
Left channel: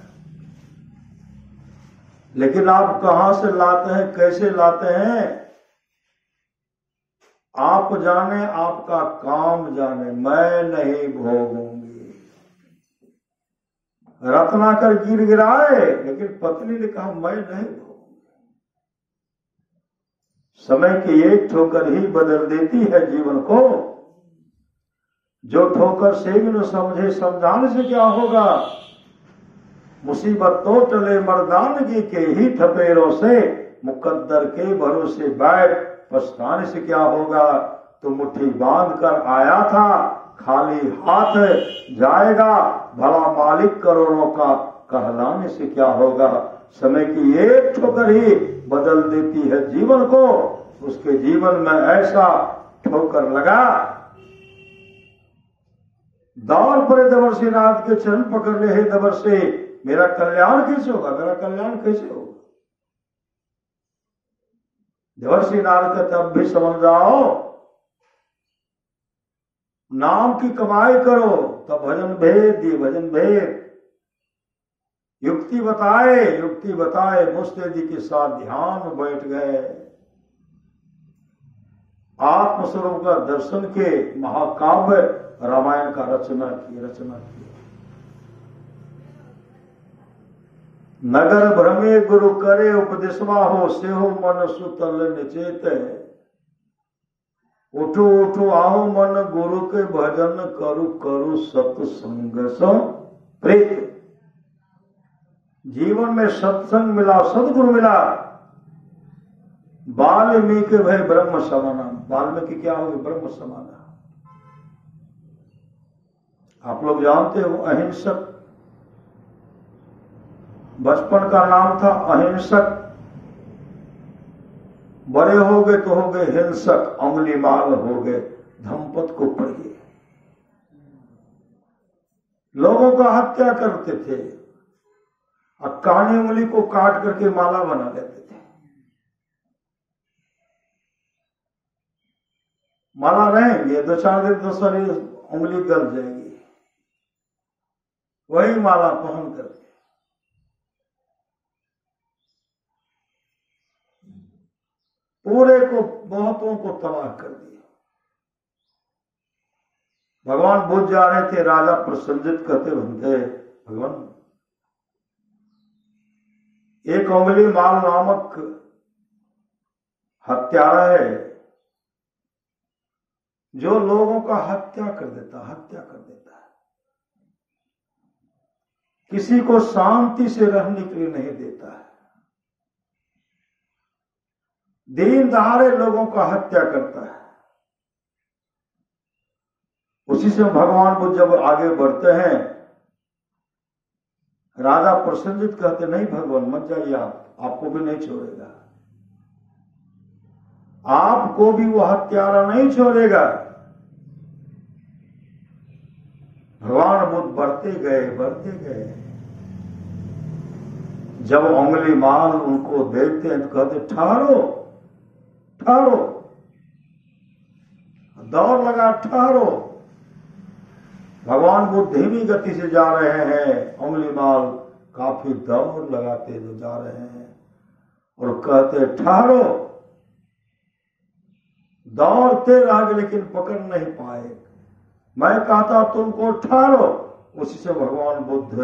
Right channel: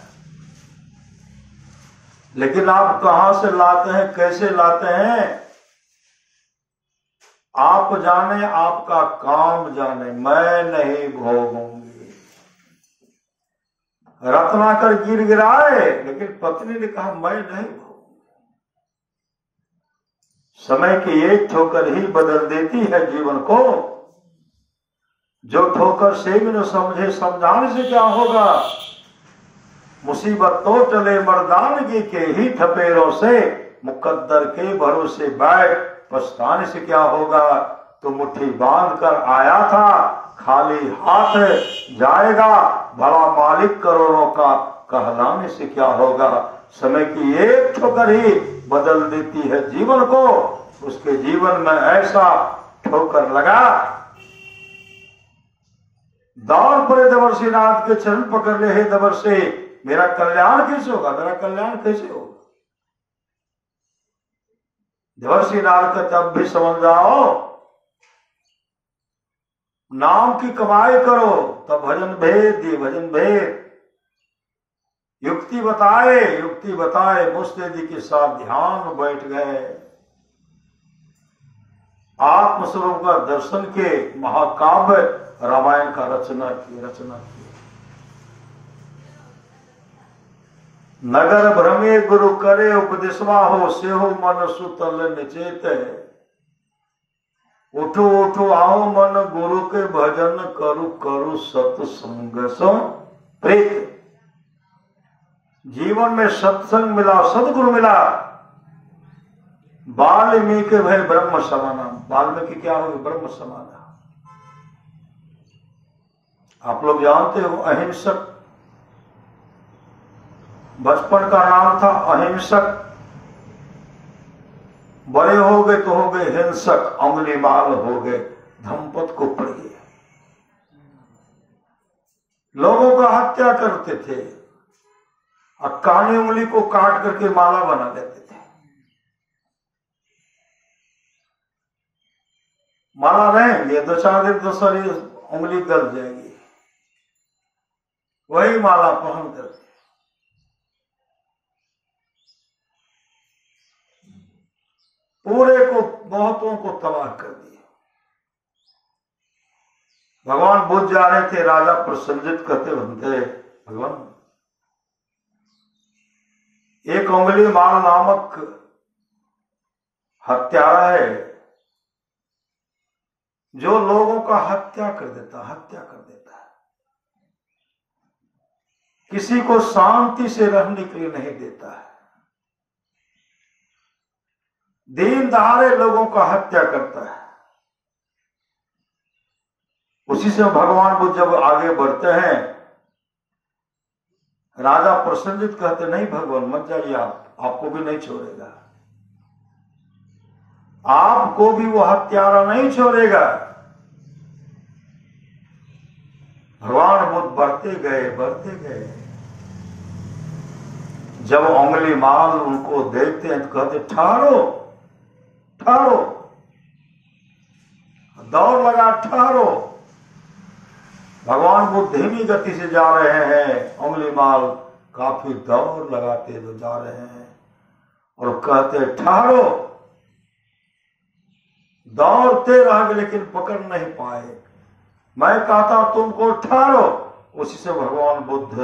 लेकिन आप कहां से लाते हैं, कैसे लाते हैं, आप जाने, आपका काम जाने, मैं नहीं भोगूंगी। रत्नाकर गिर गिराए, लेकिन पत्नी ने कहा मैं नहीं भोगूंगी। समय की एक ठोकर ही बदल देती है जीवन को। जो ठोकर से भी न समझे, समझाने से क्या होगा। मुसीबत तो टले मर्दानगी के ही ठपेरों से, मुकद्दर के भरोसे बैठ पछताने से क्या होगा। तो मुट्ठी बांध कर आया था, खाली हाथ जाएगा, बड़ा मालिक करोड़ों का कहलाने से क्या होगा। समय की एक ठोकर ही बदल देती है जीवन को। उसके जीवन में ऐसा ठोकर लगा, दौड़ पड़े देवर्षि नाथ के चरण पकड़ ले, हे देवर्षि मेरा कल्याण कैसे होगा, मेरा कल्याण कैसे होगा। देवर्षि नारद का तब भी समझ जाओ, नाम की कमाई करो, तब भजन भेद दिए, भजन भेद। युक्ति बताए मुस्तैदी के साथ ध्यान में बैठ गए। आत्मस्वरूप का दर्शन के महाकाव्य रामायण का रचना की। नगर भ्रमे गुरु करे उपदेशवा हो, सेहो मन सुतल निचेत। उठो उठो आओ मन गुरु के भजन करु, करू सत्संग सो प्रीत। जीवन में सत्संग मिला, सदगुरु मिला। वाल्मीकि भय ब्रह्म समाना, वाल्मीकि क्या हो, ब्रह्म समाना। आप लोग जानते हो अहिंसक, बचपन का नाम था अहिंसक, बड़े हो गए तो हो गए हिंसक, अंगुली माल हो गए। धम्पत को पढ़िए, लोगों का हत्या करते थे और कानी उंगली को काट करके माला बना लेते थे। माला रहेंगे 2-4 दिन, दूसरी उंगली गल जाएगी, वही माला पहन करके पूरे को, बहुतों को तबाह कर दिया। भगवान बुद्ध जा रहे थे, राजा प्रसन्नजित कहते बनते, भगवान एक उंगली माल नामक हत्यारा है, जो लोगों का हत्या कर देता है। किसी को शांति से रहने के लिए नहीं देता है, दिन दहाड़े लोगों का हत्या करता है। उसी से भगवान बुद्ध जब आगे बढ़ते हैं, राजा प्रसन्नजित कहते नहीं भगवान मत जाइए, आपको भी नहीं छोड़ेगा, आपको भी वो हत्यारा नहीं छोड़ेगा। भगवान बुद्ध बढ़ते गए। जब उंगली माल उनको देखते हैं तो कहते ठहरो, दौड़ लगा, ठहरो। भगवान बुद्ध धीमी गति से जा रहे हैं, उंगली माल काफी दौड़ लगाते हुए जा रहे हैं और कहते ठहरो। दौड़ते रह गए लेकिन पकड़ नहीं पाए। मैं कहता तुमको ठहरो, उसी से भगवान बुद्ध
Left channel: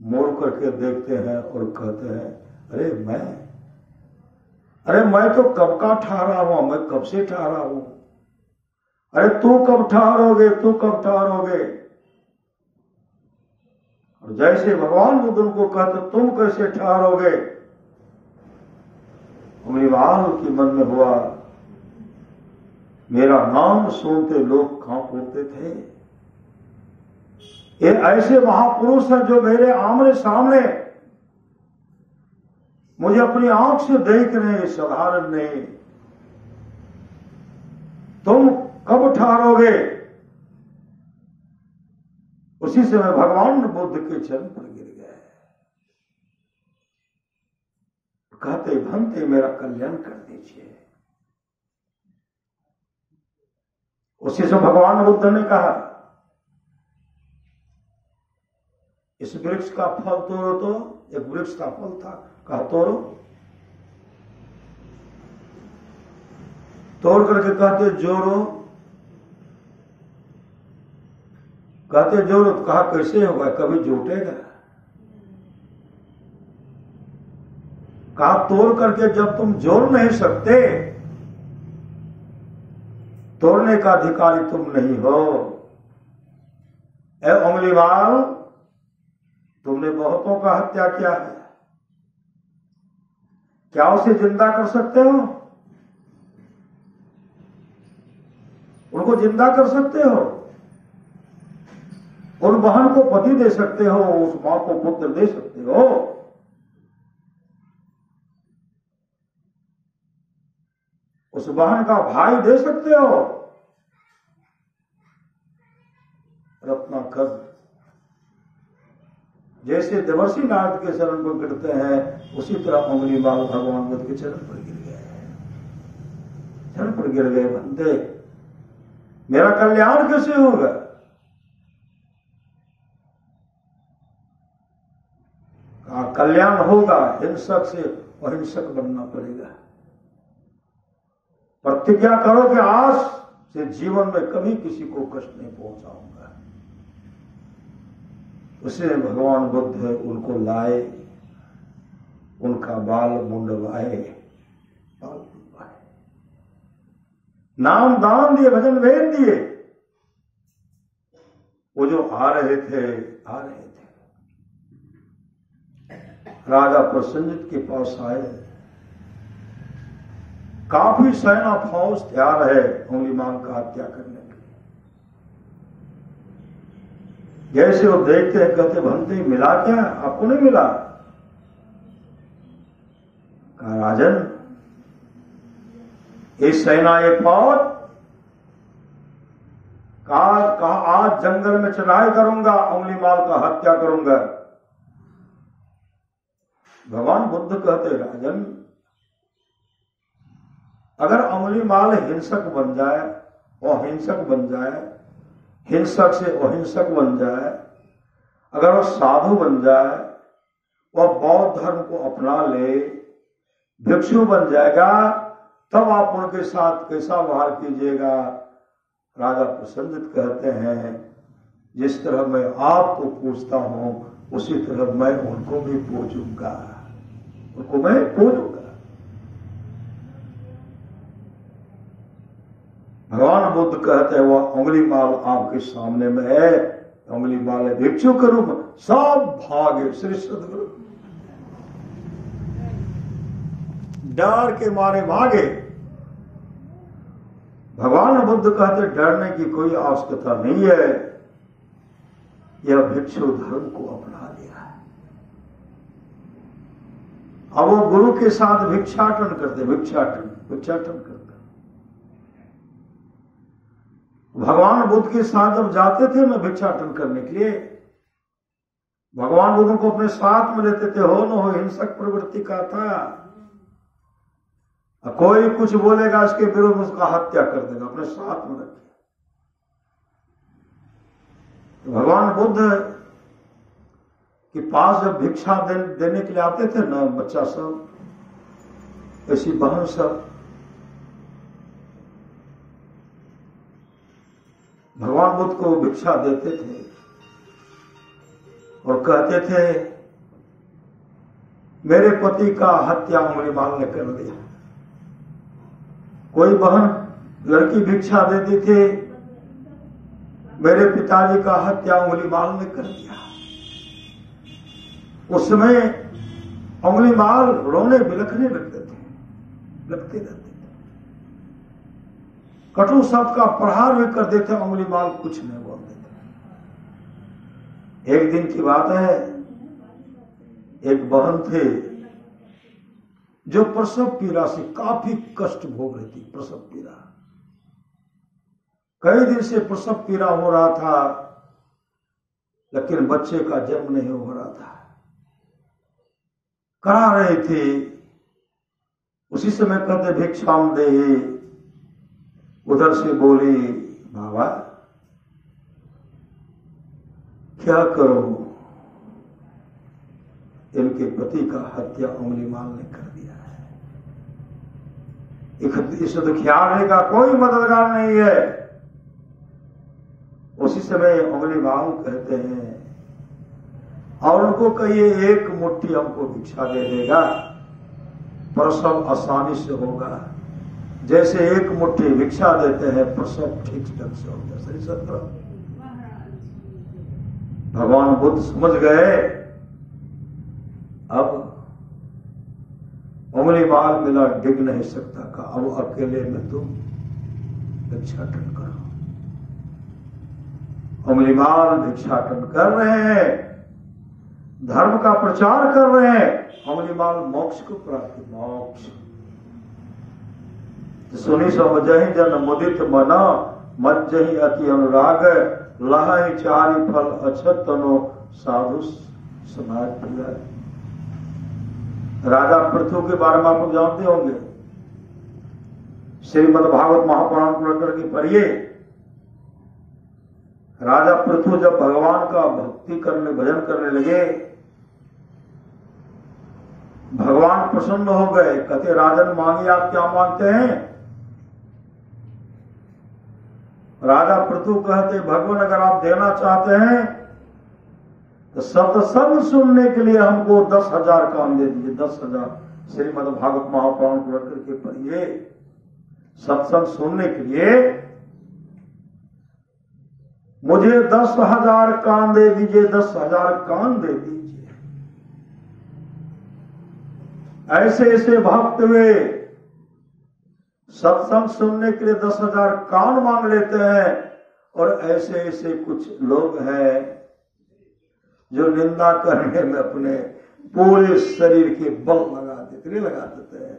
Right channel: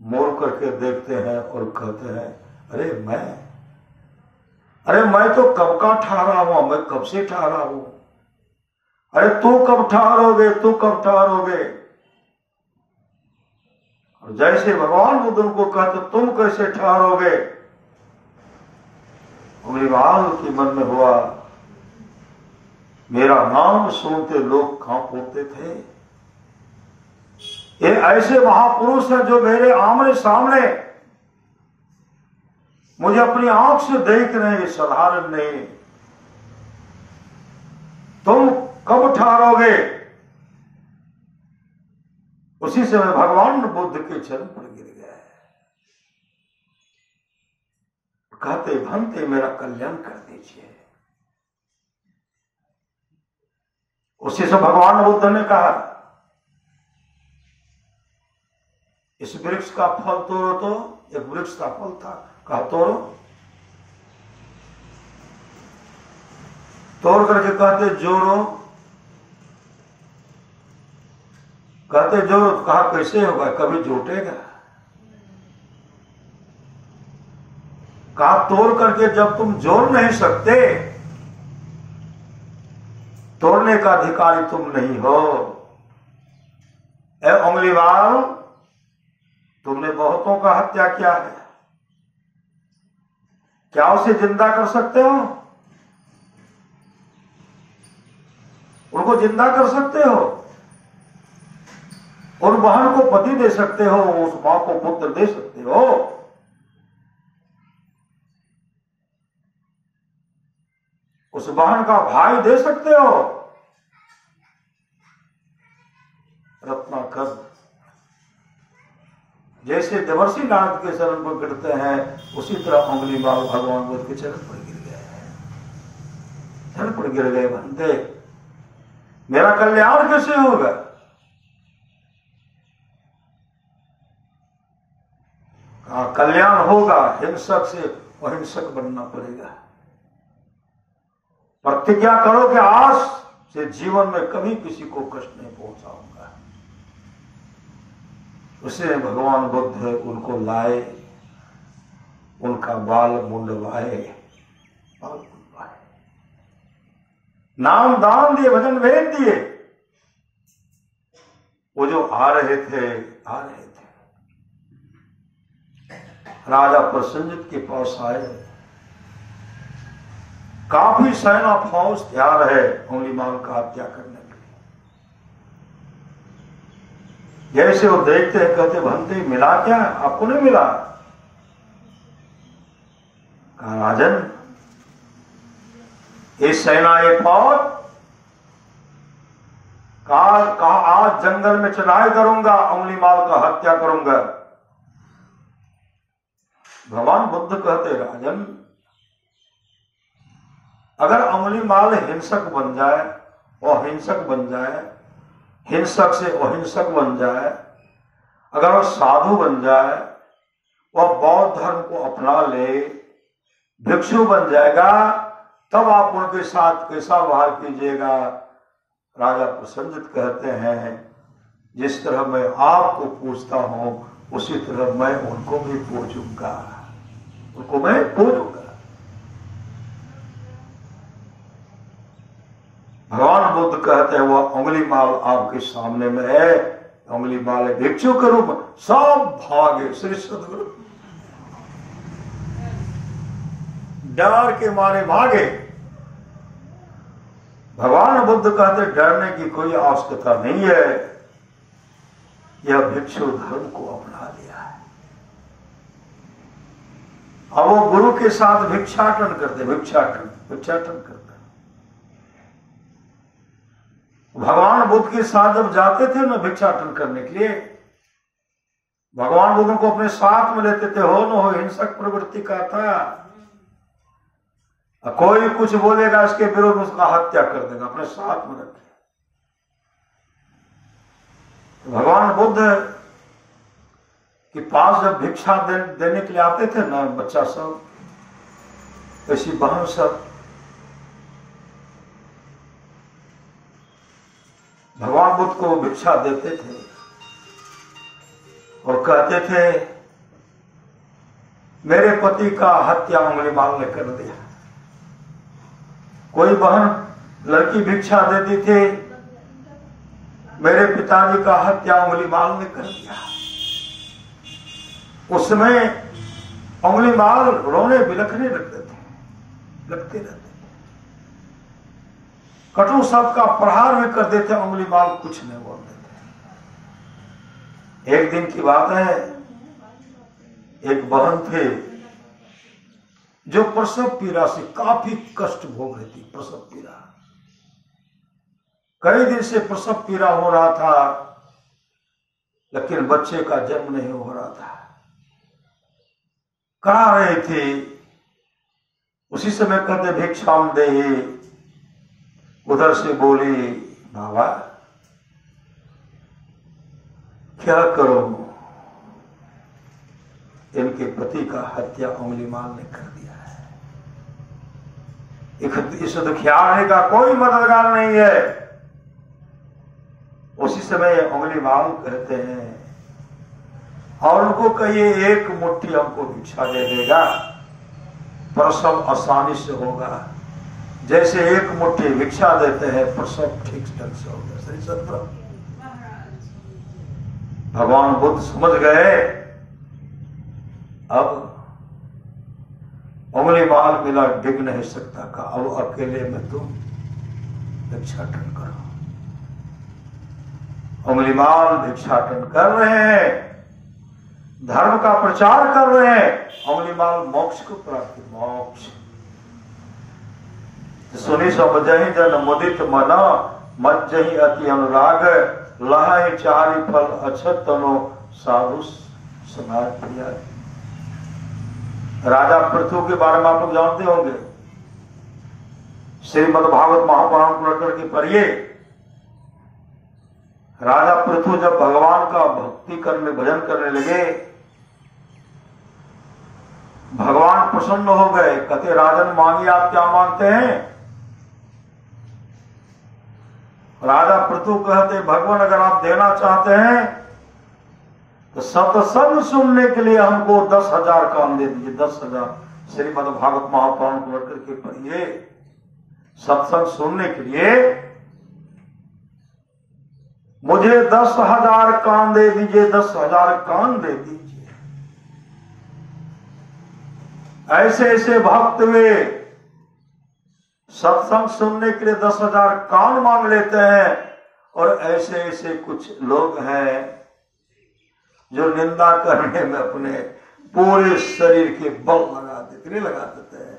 मोड़ करके देखते हैं और कहते हैं अरे मैं तो कब का ठहरा हुआ, मैं कब से ठहरा हूं। अरे तू कब ठहरोगे, तू कब ठहरोगे। और जैसे भगवान बुद्ध उनको कहते तुम कैसे ठहरोगे, अग्निवाल के मन में हुआ मेरा नाम सुनते लोग कांप उठते थे। ये ऐसे महापुरुष हैं जो मेरे आमने सामने मुझे अपनी आंख से देख रहे हैं, साधारण नहीं। तुम कब ठहरोगे। उसी समय भगवान बुद्ध के चरण पर गिर गए, कहते भंते मेरा कल्याण कर दीजिए। उसी से भगवान बुद्ध ने कहा इस वृक्ष का फल तोड़ो। तो एक वृक्ष का फल था, कहा तोड़ो। तोड़ करके कहते जोड़ो, कहते जोड़ो। तो कहा कैसे होगा, कभी जोटेगा। कहा तोड़ करके जब तुम जोड़ नहीं सकते, तोड़ने का अधिकारी तुम नहीं हो। ए उंगलीवाल, तुमने बहुतों का हत्या किया है, क्या उसे जिंदा कर सकते हो। उनको जिंदा कर सकते हो, उन बहन को पति दे सकते हो, उस मां को पुत्र दे सकते हो। उस बहन का भाई दे सकते हो। रत्नाकर जैसे देवर्षि नारद के चरण पर गिरते हैं, उसी तरह उंगलीवाल भगवान बुद्ध के चरण पर गिर गए। चरण पर गिर गए, बंदे मेरा कल्याण कैसे होगा। कल्याण होगा, हिंसक से अहिंसक बनना पड़ेगा। प्रतिज्ञा करो कि आज से जीवन में कभी किसी को कष्ट नहीं पहुंचाऊंगा। उसे भगवान बुद्ध उनको लाए, उनका बाल मुंडवाए, नाम दान दिए, भजन भेद दिए। वो जो आ रहे थे राजा प्रसन्नजित के पास आए। काफी सेना फौज तैयार है उंगलीमाल का हत्या करने के लिए। जैसे वो देखते हैं, कहते भंते मिला क्या, आपको नहीं मिला। कहा राजन, ये सेना ये फौज, कहा आज जंगल में चढ़ाई करूंगा, उंगलीमाल का हत्या करूंगा। भगवान बुद्ध कहते राजन, अगर उंगलीमाल हिंसक बन जाए, अहिंसक बन जाए, हिंसक से अहिंसक बन जाए, अगर वह साधु बन जाए, वह बौद्ध धर्म को अपना ले, भिक्षु बन जाएगा, तब आप उनके साथ कैसा व्यवहार कीजिएगा। राजा प्रसन्नजित कहते हैं जिस तरह मैं आपको पूछता हूं, उसी तरह मैं उनको भी पूछूंगा, उनको मैं पूछूंगा। भगवान बुद्ध कहते हैं वह उंगलीमाल आपके सामने में है, उंगलीमाल भिक्षु के रूप में सब भागे। श्री सद्गुरु डर के मारे भागे। भगवान बुद्ध कहते डरने की कोई आवश्यकता नहीं है, यह भिक्षु धर्म को अपना लिया है। अब वो गुरु के साथ भिक्षाटन करते, भिक्षाटन करते। भगवान बुद्ध के साथ जब जाते थे ना भिक्षाटन करने के लिए, भगवान बुद्ध को अपने साथ में लेते थे। हो न हो हिंसक प्रवृत्ति का था, कोई कुछ बोलेगा इसके विरोध में उसका हत्या कर देगा, अपने साथ में रखे। भगवान बुद्ध के पास जब भिक्षा देने के लिए आते थे ना बच्चा सब, ऐसी बहन सब, भगवान बुद्ध को भिक्षा देते थे और कहते थे मेरे पति का हत्या अंगुलीमाल ने कर दिया। कोई बहन लड़की भिक्षा देती थी, मेरे पिताजी का हत्या अंगुलीमाल ने कर दिया। उसमें अंगुलीमाल रोने बिलखने लगते रहते थे, कटु शब्द का प्रहार भी कर देते, अंगुलीमाल कुछ नहीं बोलते थे। एक दिन की बात है, एक बहन थे जो प्रसव पीड़ा से काफी कष्ट भोग रही थी। प्रसव पीड़ा, कई दिन से प्रसव पीड़ा हो रहा था, लेकिन बच्चे का जन्म नहीं हो रहा था। करा रहे थे, उसी समय कहते भिक्षाम देहि। उधर से बोली बाबा क्या करो, इनके पति का हत्या अंगुलीमाल ने कर दिया है। इस दुखियारे का कोई मददगार नहीं है। उसी समय अंगुलीमाल कहते हैं और उनको कहिए एक मुट्ठी हमको भिक्षा दे देगा, प्रसव आसानी से होगा। जैसे एक मुट्ठी भिक्षा देते हैं, प्रसव ठीक ढंग से होगा। सही सत्य। भगवान बुद्ध समझ गए अब अंगुलीमाल मिला डिग नहीं सकता का, अब अकेले में तुम भिक्षाटन करो। अंगुलीमाल भिक्षाटन कर रहे हैं, धर्म का प्रचार कर रहे हैं। अंगुलीमाल मोक्ष को प्राप्त, मोक्ष सुनी समझहि जन मुदित मना, मज्जहि अति अनुराग, लहहि चारि फल अछत तनो, साधु समाज प्रिया। राजा पृथु के बारे में आप लोग जानते होंगे। श्रीमद् भागवत महापुराण को लेकर के पढ़िए। राजा पृथु जब भगवान का भक्ति करने, भजन करने लगे, भगवान प्रसन्न हो गए। कहते राजन मांगे आप क्या मांगते हैं? राजा पृथु कहते भगवान अगर आप देना चाहते हैं तो सत्संग सुनने के लिए हमको 10,000 काम दे दीजिए। 10,000 श्रीमद् भागवत महापुराण को लेकर के पढ़िए। सत्संग सुनने के लिए मुझे 10,000 कान दे दीजिए, 10,000 कान दे दीजिए। ऐसे ऐसे भक्त हुए सत्संग सुनने के लिए 10,000 कान मांग लेते हैं। और ऐसे ऐसे कुछ लोग हैं जो निंदा करने में अपने पूरे शरीर के बल लगा देते, नहीं लगा देते हैं।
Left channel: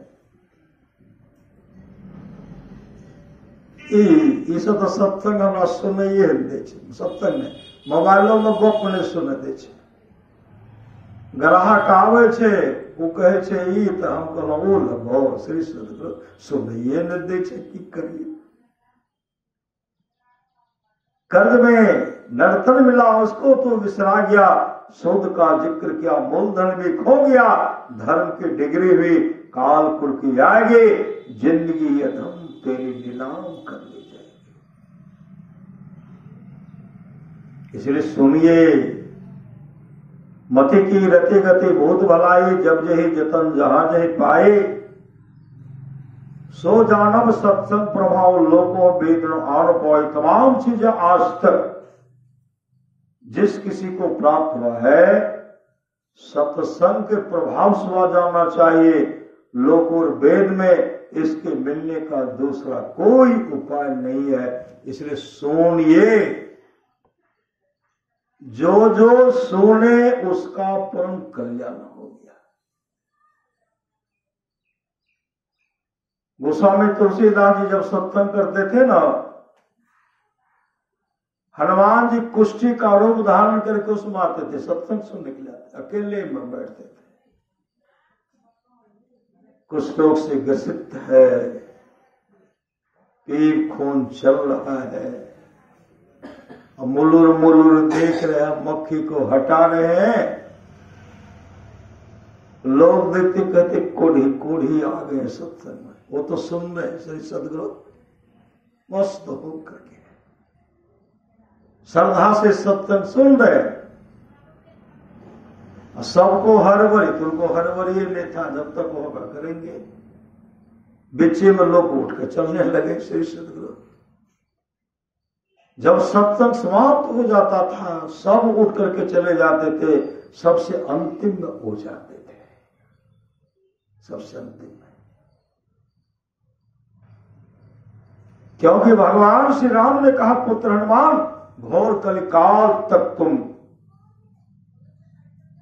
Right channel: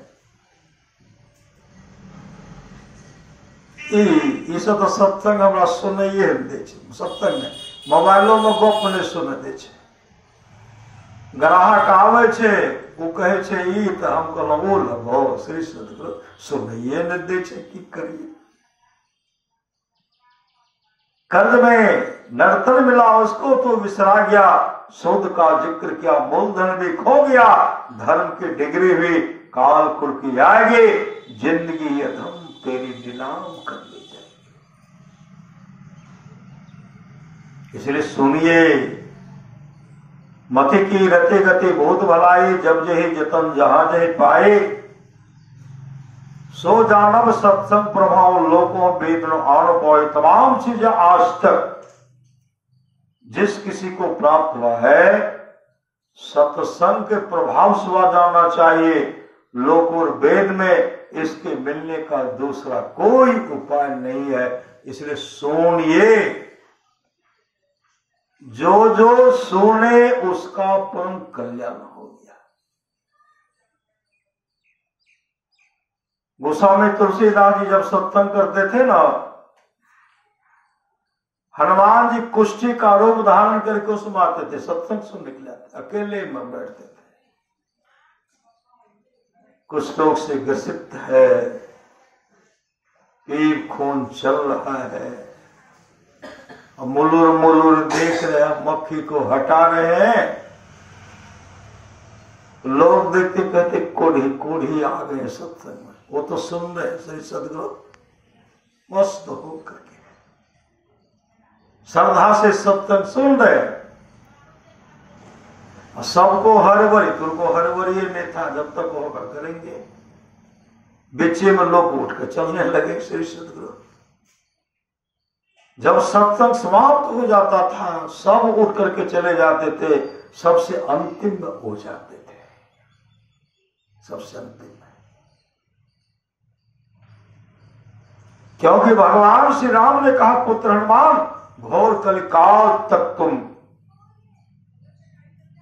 ई सब तो सत्संग हमरा सुनैये दे छै, सत्संग नहीं, मोबाइलो में गप नहीं सुने दे छै। ग्राहक आवे छे, वो कहे छे ई तो हम कहलहुँ ओ लगो, श्री सदगुरु सुनैये नहीं दे छै, की करिए। कर्ज में नर्तन मिला उसको तो विसरा गया, शोध का जिक्र किया मूलधन भी खो गया। धर्म की डिग्री हुई काल कुल की आगे, जिंदगी अधम तेरी नीलाम कर ली जाए। इसलिए सुनिए, मति की रति गति बहुत भलाई, जब जही जतन जहां जही पाए। सो जानब सत्संग प्रभाव लोकों वेद आन पाए। तमाम चीजें आज तक जिस किसी को प्राप्त हुआ है, सत्संग के प्रभाव से हुआ जानना चाहिए। लोक और वेद में इसके मिलने का दूसरा कोई उपाय नहीं है। इसलिए सुनिए, जो जो सुने उसका परम कल्याण हो गया। गोस्वामी तुलसीदास जी जब सत्संग करते थे ना, हनुमान जी कुष्ठी का रूप धारण करके उसमें आते थे, सत्संग सुनने के लिए अकेले में बैठते थे। कुछ लोग से ग्रसित है, पीप खून चल रहा है, मुलुर मुलुर देख रहे हैं, मक्खी को हटा रहे हैं। लोग देखते कहते कोढ़ी कोढ़ी आ गए सत्संग में, वो तो सुन रहे श्री सदगुरु मस्त हो करके। श्रद्धा से सत्संग सुन रहे, सबको हरबरी, तुमको हरबरी नहीं था, जब तक होगा करेंगे। बीचे में लोग उठकर चलने लगे। श्री सदगुरु जब सत्संग समाप्त हो जाता था, सब उठ करके चले जाते थे, सबसे अंतिम में हो जाते थे, सबसे अंतिम में। क्योंकि भगवान श्री राम ने कहा, पुत्र हनुमान, घोर कलिकाल तक तुम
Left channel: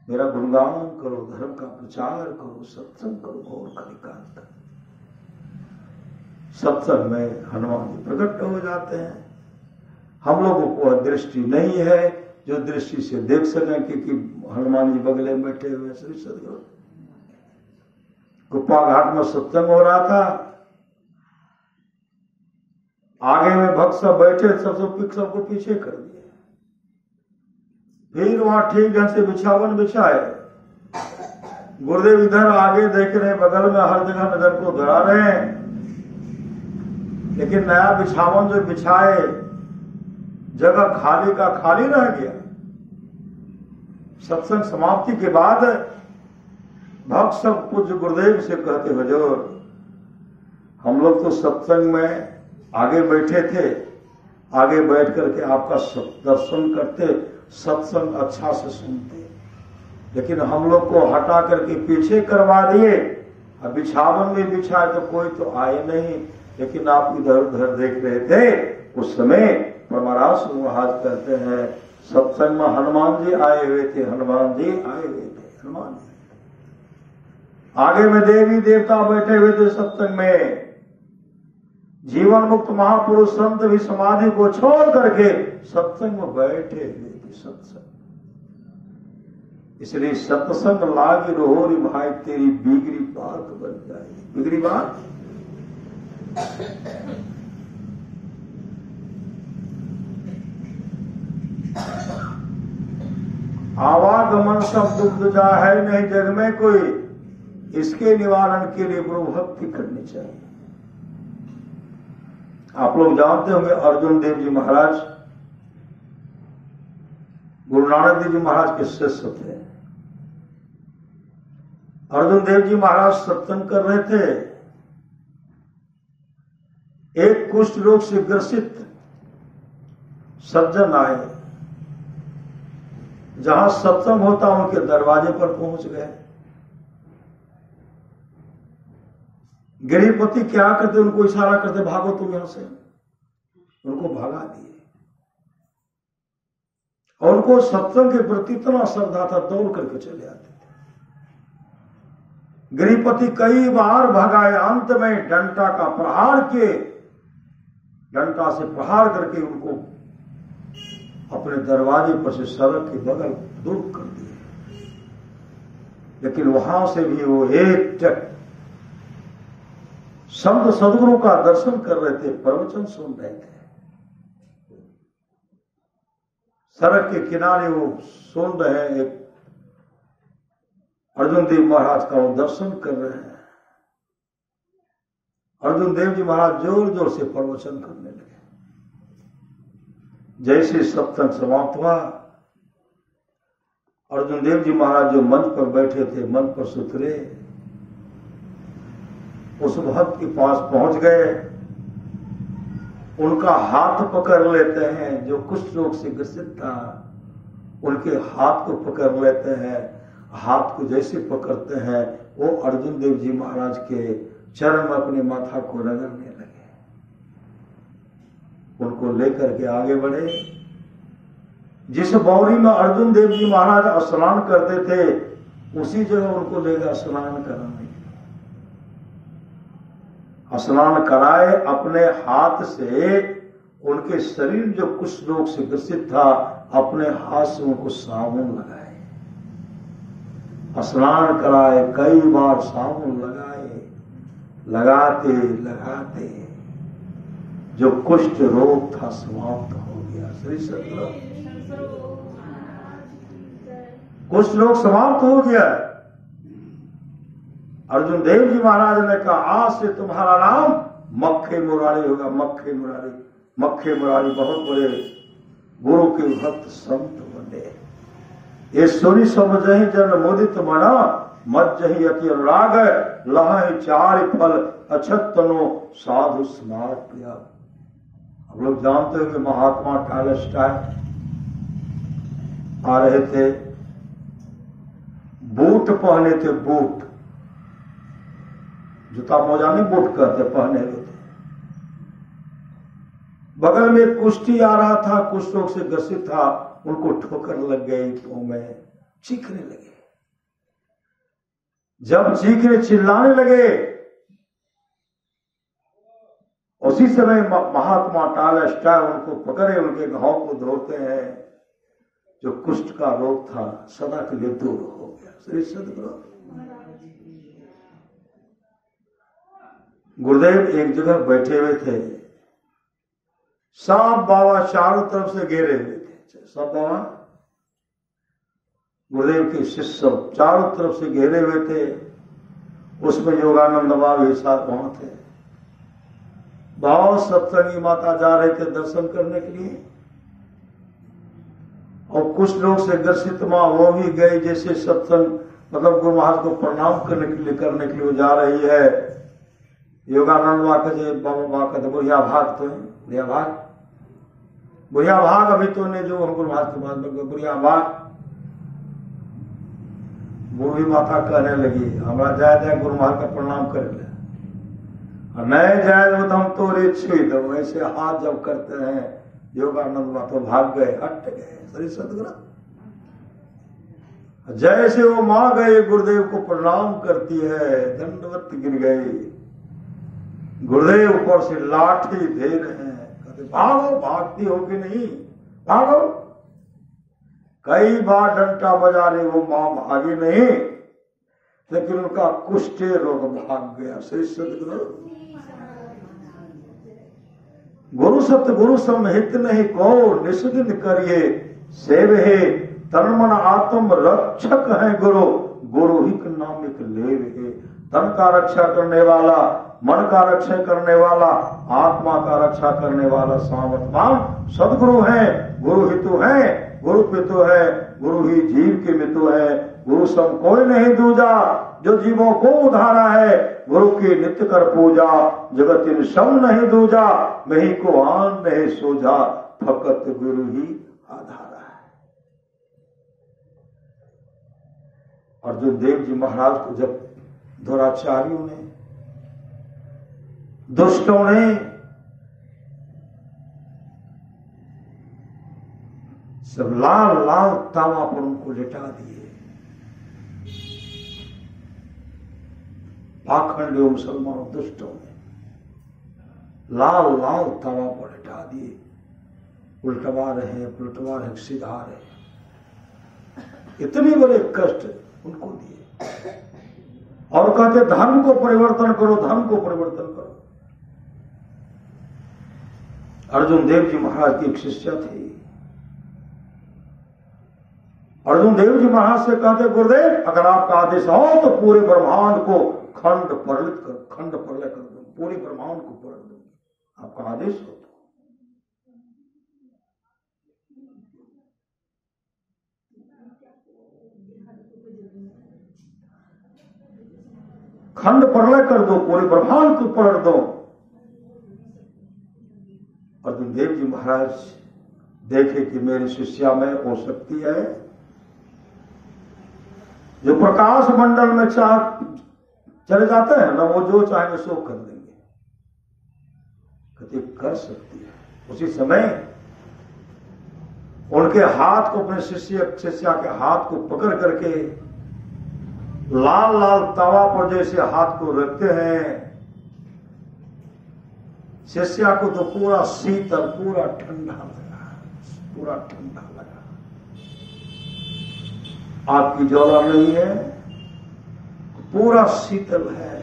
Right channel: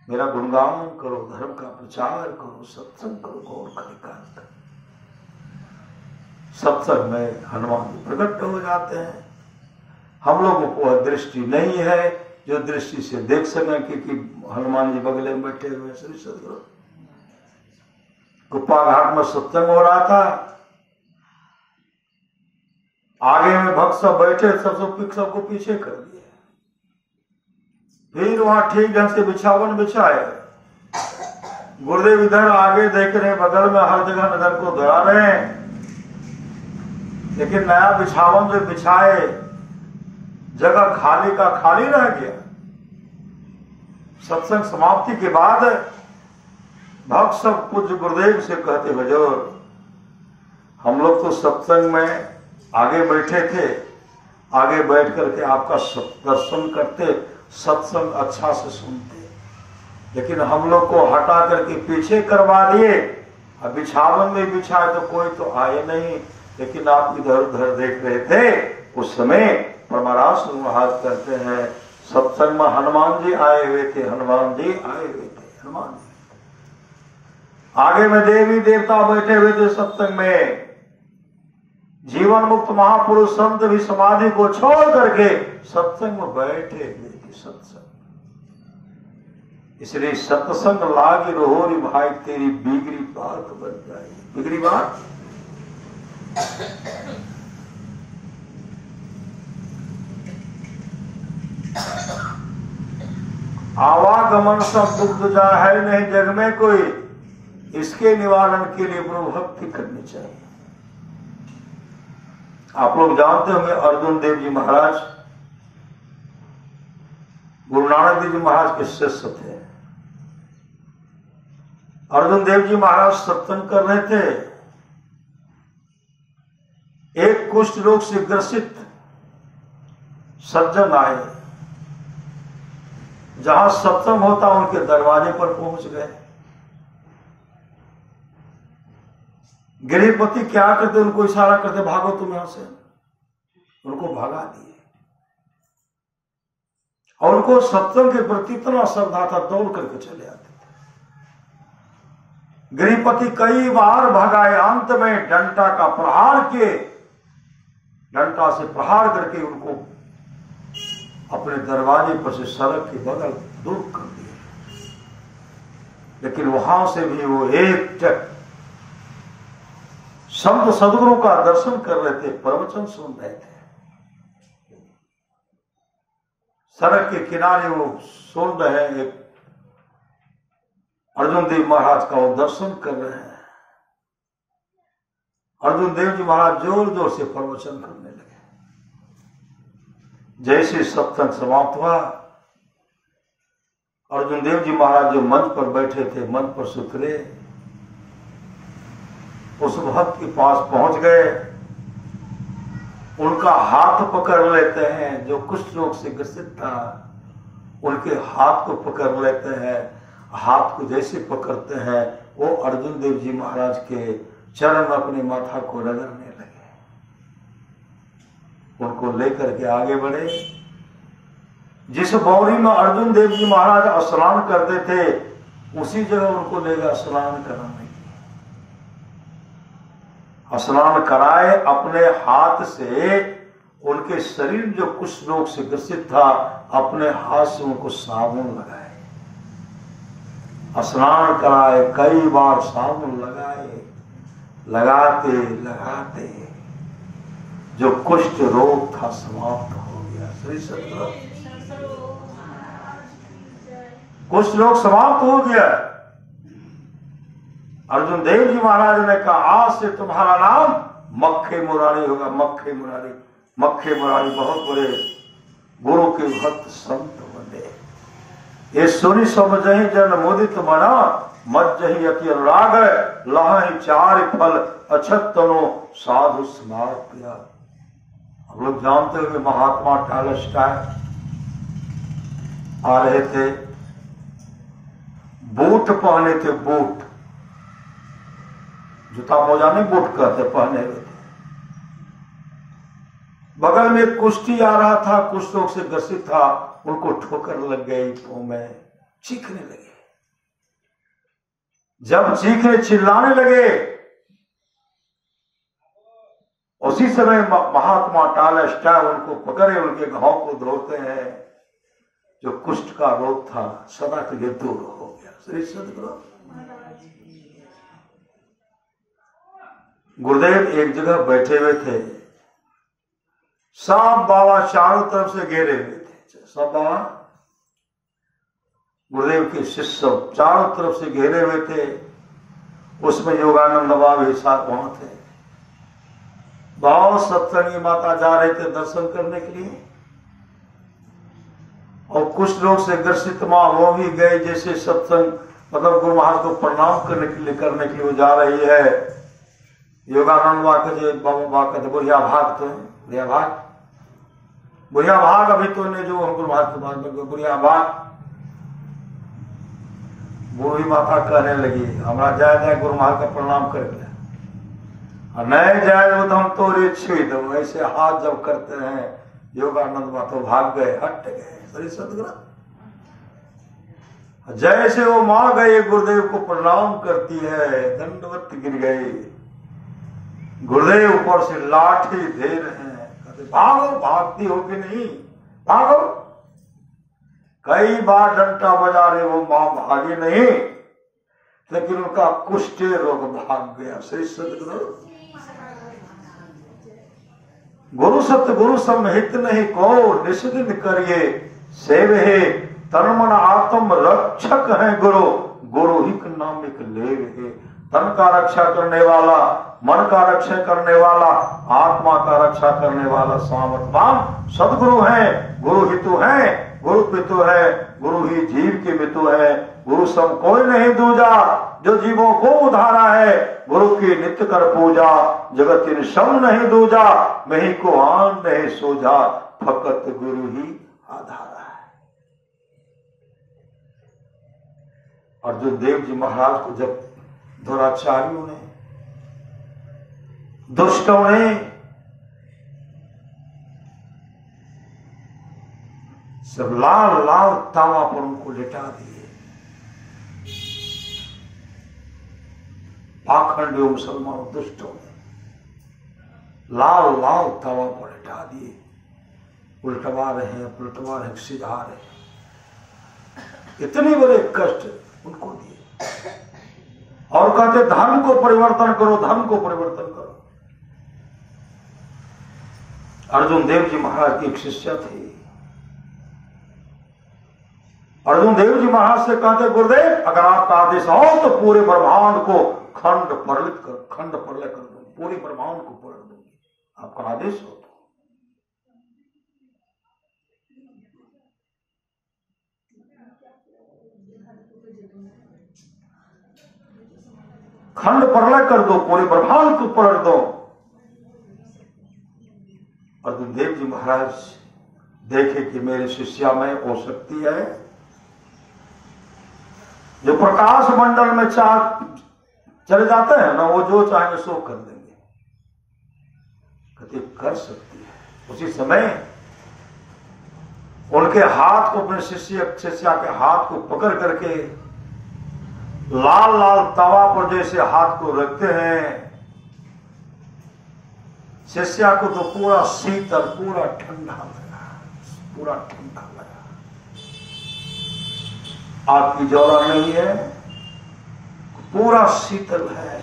मेरा गुणगान करो, धर्म का प्रचार करो, सत्संग करो, घोर कलिकाल तक। सत्संग में हनुमान जी प्रकट हो जाते हैं। हम लोगों को दृष्टि नहीं है जो दृष्टि से देख सकें कि हनुमान जी बगले में बैठे हुए। श्री सदगुरु गुप्पा घाट में सत्संग हो रहा था, आगे में भक्त सब बैठे, सबको पीछे कर दिया। फिर वहां ठीक ढंग से बिछावन बिछाए, गुरुदेव इधर आगे देख रहे, बगल में हर जगह नजर को धरा रहे हैं, लेकिन नया बिछावन जो बिछाए, जगह खाली का खाली रह गया। सत्संग समाप्ति के बाद भक्त सब पूज्य गुरुदेव से कहते, हुजूर हम लोग तो सत्संग में आगे बैठे थे, आगे बैठ करके आपका दर्शन करते, सत्संग अच्छा से सुनते, लेकिन हम लोग को हटा करके पीछे करवा दिए। अब बिछावन में बिछाए तो कोई तो आए नहीं, लेकिन आप इधर उधर देख रहे थे। उस समय परमरास महाराज करते हैं, सत्संग में हनुमान जी आए हुए थे, हनुमान जी आए हुए थे, हनुमान जी। आगे में देवी देवता बैठे हुए थे सत्संग में। जीवन मुक्त महापुरुष संत भी समाधि को छोड़ करके सत्संग में बैठे हुए थे। सत्संग, इसलिए सत्संग लागी रोहरी भाई, तेरी बिगड़ी बात बन जाएगी। बिगड़ी बात आवागमन सब दुख जा है नहीं जग में कोई, इसके निवारण के लिए गुरु भक्ति करनी चाहिए। आप लोग जानते होंगे अर्जुन देव जी महाराज गुरु नानक देव जी महाराज के शिष्य थे। अर्जुन देव जी महाराज सत्संग कर रहे थे, एक कुष्ठ रोग से ग्रसित सज्जन आए, जहां सत्संग होता उनके दरवाजे पर पहुंच गए। गिरिपति क्या करते, उनको इशारा करते, भागो तुम यहां से, उनको भगा दिए। और उनको सत्संग के प्रति इतना श्रद्धा था, दौड़ करके चले आते थे। गिरिपति कई बार भगाए, अंत में डंटा का प्रहार किए, डंटा से प्रहार करके उनको अपने दरवाजे पर से सड़क के बगल दूर कर दिया। लेकिन वहां से भी वो एक टक संत सदगुरु का दर्शन कर रहे थे, प्रवचन सुन रहे थे। सड़क के किनारे वो सुन रहे हैं, एक अर्जुन देव महाराज का वो दर्शन कर रहे हैं। अर्जुन देव जी महाराज जोर जोर से प्रवचन करने लगे। जैसे सत्संग समाप्त हुआ, अर्जुन देव जी महाराज जो मंच पर बैठे थे, मंच पर से उतरे, उस भक्त के पास पहुंच गए, उनका हाथ पकड़ लेते हैं। जो कुष्ठ रोग से ग्रसित था, उनके हाथ को पकड़ लेते हैं। हाथ को जैसे पकड़ते हैं, वो अर्जुन देव जी महाराज के चरण अपने माथा को रगड़ने लगे। उनको लेकर के आगे बढ़े। जिस बौरी में अर्जुन देव जी महाराज स्नान करते थे, उसी जगह उनको ले गया स्नान कराने। स्नान कराए, अपने हाथ से उनके शरीर जो कुछ रोग से ग्रसित था, अपने हाथ से उनको साबुन लगाए। स्नान कराए, कई बार साबुन लगाए, लगाते लगाते जो कुष्ठ रोग था समाप्त हो गया। श्री सदगुरु, कुष्ठ रोग समाप्त हो गया। अर्जुन देव जी महाराज ने कहा, आज से तुम्हारा नाम मक्खे मुरारी होगा। मक्खे मुरारी, मक्खे मुरारी बहुत बड़े गुरु के भक्त संत बने। ये सुनी सब जही जन मुदित मना, मत जही अति अनुराग, लह चार फल अछत तनो साधु स्मार पिया। हम लोग जानते हो कि महात्मा टॉलस्टॉय आ रहे थे, बूट पहने थे, बूट, जूता मोजा नहीं बूट कहते, पहने हुए थे। बगल में कुश्ती आ रहा था, कुछ लोग से ग्रसित था, उनको ठोकर लग गई, तो में चीखने लगे। जब चीखने चिल्लाने लगे, उसी समय महात्मा टॉलस्टॉय उनको पकड़े, उनके घाव को धोते हैं। जो कुष्ठ का रोग था सदा के लिए दूर हो गया। श्री सद्गुरु गुरुदेव एक जगह बैठे हुए थे, सब बाबा चारों तरफ से घेरे हुए थे। सब बाबा गुरुदेव के शिष्य सब चारों तरफ से घेरे हुए थे। उसमें योगानंद बाबा भी साथ वहां थे। बहुत सत्संगी माता जा रहे थे दर्शन करने के लिए, और कुछ लोग से ग्रसित मां वो भी गए, जैसे सत्संग मतलब गुरु महाराज को प्रणाम करने के लिए वो जा रही है। योगानंद बाबा के बाबा कहते बुढ़िया भाग, तो बुढ़िया भाग, बुढ़िया भाग, अभी तो ने जो गुरु महाराज के बुढ़िया भाग। बूढ़ी माता कहने लगी हमरा जाए जाए गुरु महाराज का प्रणाम कर ले, नहीं जाए तो हम तोरे छुई दो। ऐसे हाथ जब करते हैं योगानंद बाबा तो भाग गए, हट गए। श्री सद्गुरु जैसे वो मां गए, गुरुदेव को प्रणाम करती है, दंडवत गिर गई। गुरुदेव ऊपर से लाठी दे रहे हैं, कहते भागो, भागती हो कि नहीं, भागो। कई बार डंटा बजा रहे, वो मां भागी नहीं, लेकिन उनका कुष्ठ रोग भाग गया। श्री सद्गुरु गुरु सत्य गुरु संहित नहीं को, निषिदिन करिए सेव है, तन मन आत्म रक्षक है गुरु, गुरु ही नामिक लेव है। तन का रक्षा करने वाला, मन का रक्षा करने वाला, आत्मा का रक्षा करने वाला सामर्थवान सदगुरु है। गुरु हितु है, गुरु पितु है, गुरु ही जीव के मितु है। गुरु सम कोई नहीं दूजा, जो जीवों को उधारा है। गुरु की नित्य कर पूजा, जगत इन सम नहीं दूजा। मही को आन नहीं सोजा, फकत गुरु ही आधारा है। अर्जुन देव जी महाराज को जब दुराचारियों ने, दुष्टों ने सब लाल लाल तावा पर उनको लिटा दिए, पाखंडी मुसलमानों दुष्टों ने लाल लाल तावा पर लिटा दिए। उल्टवा रहे हैं, पुलटवा रहे, सिधा रहे, इतनी बड़े कष्ट उनको दिए। और कहते धर्म को परिवर्तन करो, धर्म को परिवर्तन करो। अर्जुन देव जी महाराज की एक शिष्य थी। अर्जुन देव जी महाराज से कहते गुरुदेव अगर आपका आदेश हो तो पूरे ब्रह्मांड को खंड प्रलय कर दो, पूरे ब्रह्मांड को पलट दो, आपका आदेश हो तो। खंड प्रलय कर दो, पूरे ब्रह्मांड को पलट दो। अर्जुन देव जी महाराज देखे कि मेरे शिष्या में हो शक्ति है, जो प्रकाश मंडल में चले जाते हैं ना, वो जो चाहेंगे सो कर देंगे। कहते कर सकती है। उसी समय उनके हाथ को, अपने शिष्या के हाथ को पकड़ करके लाल लाल तवा पर जैसे हाथ को रखते हैं, शिष्या को तो पूरा शीतल, पूरा ठंडा लगा, पूरा ठंडा लगा। आपकी जौरा नहीं है, पूरा शीतल है।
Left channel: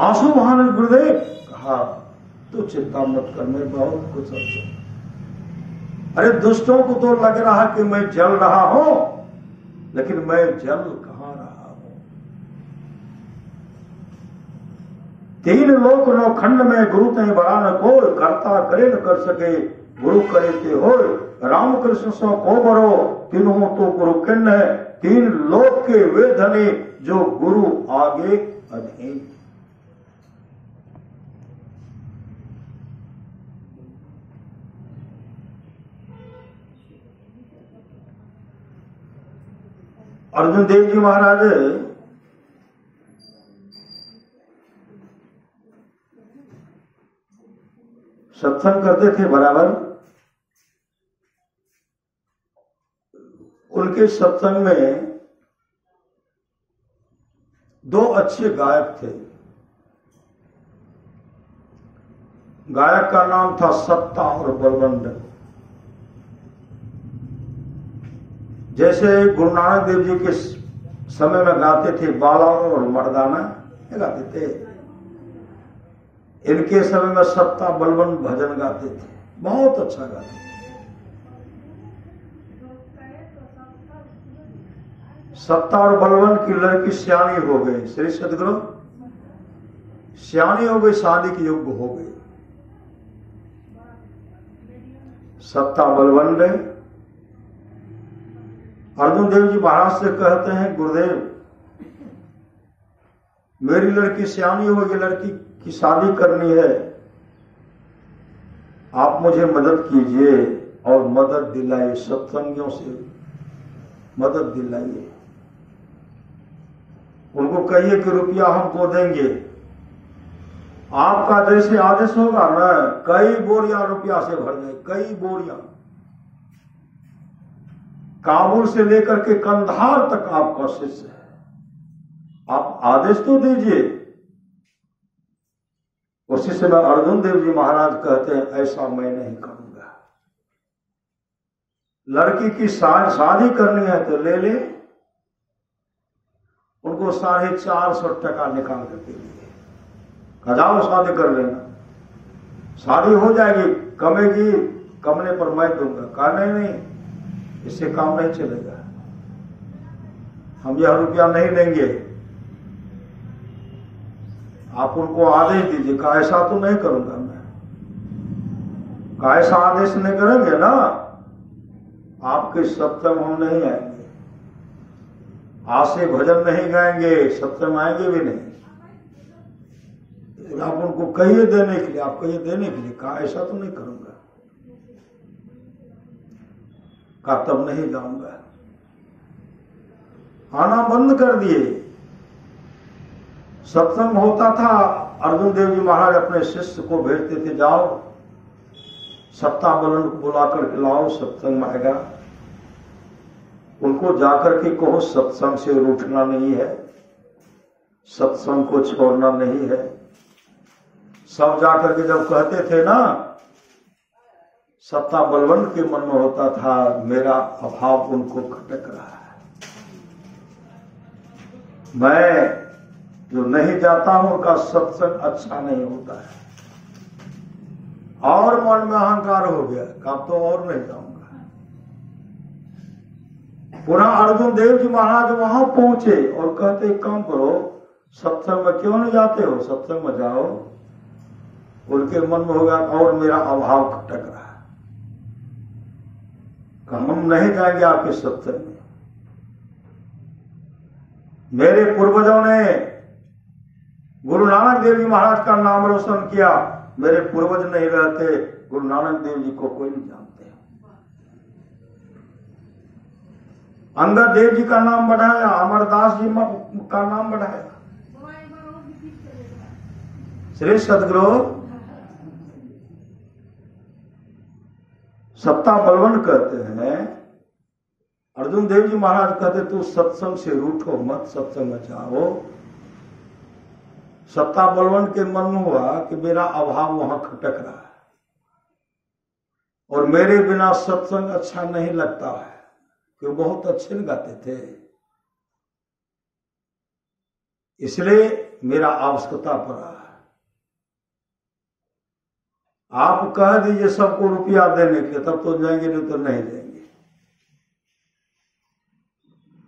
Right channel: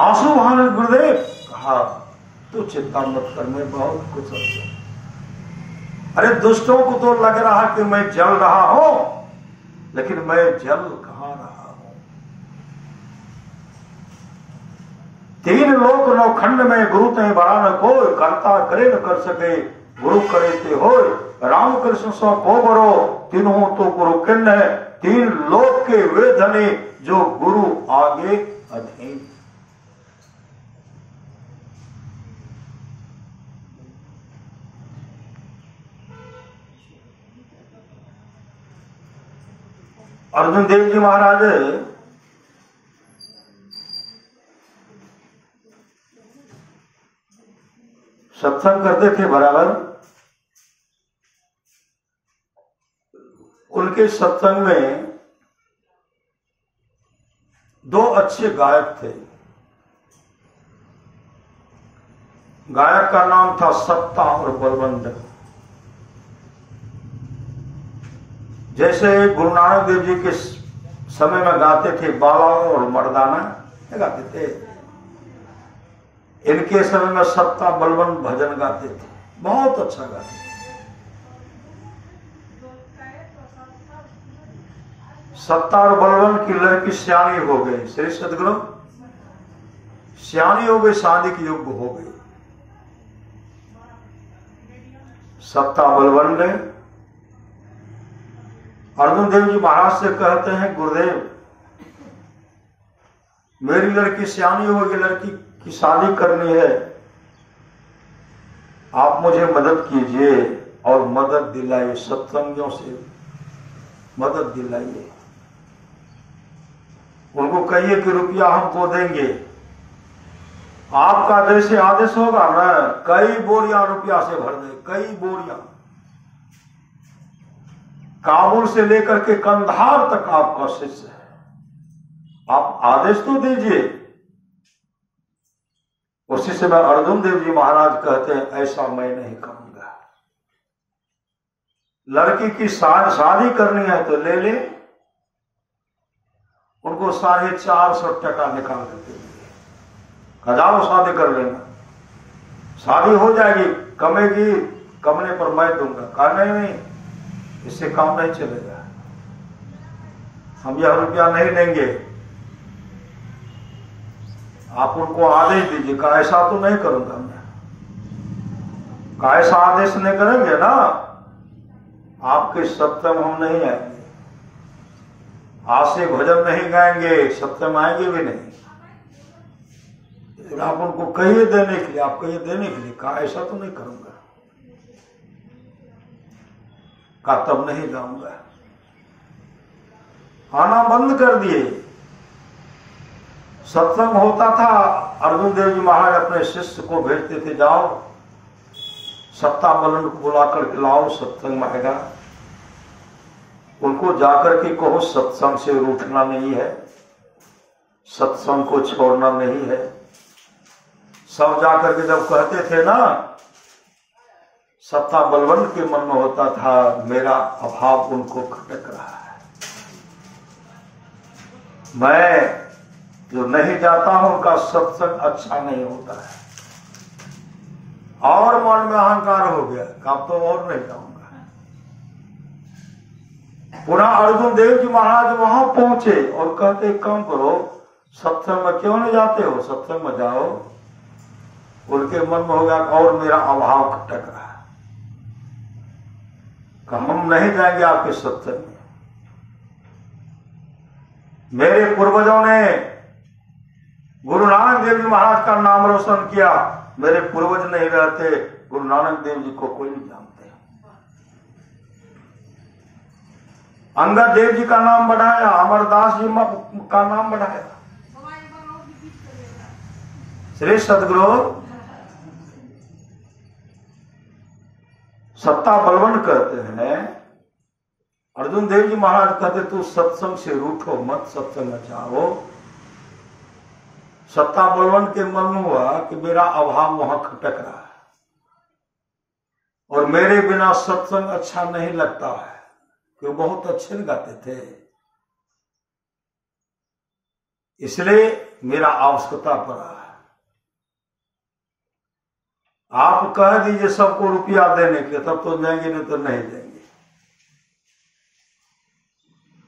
आंसू बहाने गुरुदेव कहा तू चिंता मत कर, मैं बहुत कुछ हूं। अरे दुष्टों को तो लग रहा कि मैं जल रहा हूं, लेकिन मैं जल कहां रहा हूं। तीन लोक नौखंड में गुरु तय बड़ा न कोई, करता करे न कर सके गुरु करे ते हो। राम कृष्ण सो को बरो, तीनों तो गुरु किन्न है, तीन लोक के वे धने जो गुरु आगे अधीन। अर्जुन देव जी महाराज सत्संग करते थे बराबर। उनके सत्संग में दो अच्छे गायक थे। गायक का नाम था सत्ता और बलवंत। जैसे गुरु नानक देव जी के समय में गाते थे बाला और मर्दाना गाते थे, इनके समय में सत्ता बलवंत भजन गाते थे, बहुत अच्छा गाते थे। सत्ता और बलवंत की लड़की सियानी हो गई, श्री सदगुरु सियानी हो गई, शादी के योग्य हो गई। सत्ता बलवंत अर्जुन देव जी महाराज से कहते हैं, गुरुदेव मेरी लड़की सियानी होगी, लड़की की शादी करनी है, आप मुझे मदद कीजिए और मदद दिलाइए, सत्संगियों से मदद दिलाइए। उनको कहिए कि रुपया हमको देंगे, आपका जैसे आदेश होगा ना, कई बोरियां रुपया से भर दे, कई बोरियां। काबुल से लेकर के कंधार तक आपका शिष्य है, आप आदेश तो दीजिए। उसी समय अर्जुन देव जी महाराज कहते हैं, ऐसा मैं नहीं करूंगा। लड़की की शादी करनी है तो ले ले। उनको 450 टका निकाल देते हैं, जाओ शादी कर लेना, शादी हो जाएगी, कमेगी, कमने पर मैं दूंगा। कहा नहीं, इससे काम नहीं चलेगा, हम यह रुपया नहीं देंगे, आप उनको आदेश दीजिए। कहा ऐसा तो नहीं करूंगा मैं। कहा ऐसा आदेश नहीं करेंगे ना, आपके सत्संग हम नहीं आएंगे, आज से भजन नहीं गाएंगे, सत्संग आएंगे भी नहीं। आप उनको कहिए देने के लिए, आप कहिए देने के लिए। कहा ऐसा तो नहीं करूंगा। कहा तब नहीं जाऊंगा। आना बंद कर दिए। सत्संग होता था, अर्जुन देव जी महाराज अपने शिष्य को भेजते थे, जाओ सत्ता बलन को बुलाकर के लाओ, सत्संग में आएगा। उनको जाकर के कहो सत्संग से रूठना नहीं है, सत्संग को छोड़ना नहीं है। सब जाकर के जब कहते थे ना, सत्ता बलवंत के मन में होता था मेरा अभाव उनको खटक रहा है, मैं जो नहीं जाता हूं उनका सत्संग अच्छा नहीं होता है। और मन में अहंकार हो गया, अब तो और नहीं जाऊंगा। पुनः अर्जुन देव जी महाराज वहां पहुंचे और कहते काम करो, सत्संग में क्यों नहीं जाते हो, सत्संग में जाओ। उनके मन में होगा और मेरा अभाव खटक रहा है, हम नहीं जाएंगे आपके सत्संग में। मेरे पूर्वजों ने गुरु नानक देव जी महाराज का नाम रोशन किया, मेरे पूर्वज नहीं रहते, गुरु नानक देव जी को कोई नहीं जानते। अंगद देव जी का नाम बढ़ाया, अमरदास जी का नाम बढ़ाया। श्री सदगुरु सत्ता बलवंत कहते हैं, अर्जुन देव जी महाराज कहते तू सत्संग से रूठो मत, सत्संग में जाओ। सत्ता बलवंत के मन में हुआ कि मेरा अभाव वहां खटक रहा है और मेरे बिना सत्संग अच्छा नहीं लगता है, कि बहुत अच्छे गाते थे, इसलिए मेरा आवश्यकता पड़ा है। आप कह दीजिए सबको रुपया देने के लिए, तब तो जाएंगे, नहीं तो नहीं जाएंगे।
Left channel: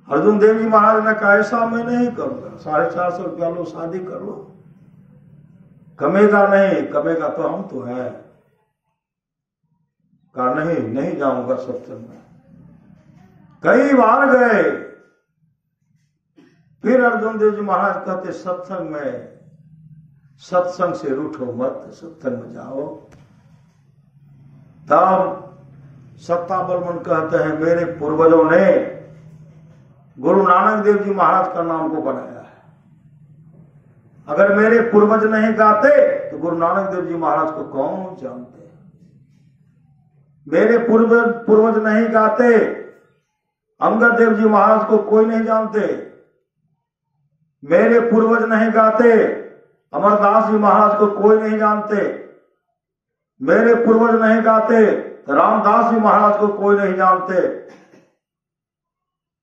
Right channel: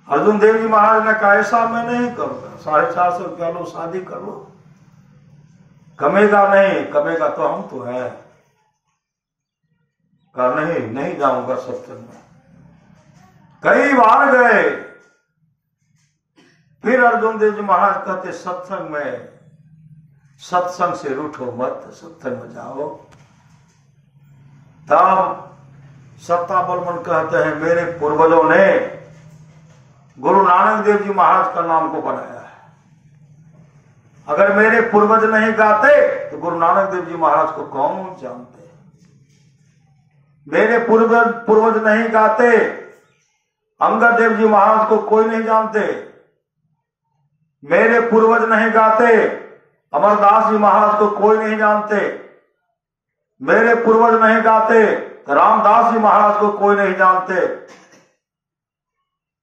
अर्जुन देव जी महाराज ने कहा ऐसा मैं नहीं करूंगा, 450 रुपया लो, शादी कर लो। कमेगा नहीं, कमेगा तो हम तो हैं। कहा नहीं जाऊंगा सत्संग में। कई बार गए, फिर अर्जुन देव जी महाराज कहते सत्संग में, सत्संग से रूठो मत, सत्संग में जाओ। तब सत्ता बलवन कहते हैं मेरे पूर्वजों ने गुरु नानक देव जी महाराज का नाम को बनाया है। अगर मेरे पूर्वज नहीं गाते तो गुरु नानक देव जी महाराज को कौन जानते। मेरे पूर्वज नहीं गाते, अंगद देव जी महाराज को कोई नहीं जानते। मेरे पूर्वज नहीं गाते, अमरदास जी महाराज को कोई नहीं जानते। मेरे पूर्वज नहीं गाते, रामदास जी महाराज को कोई नहीं जानते।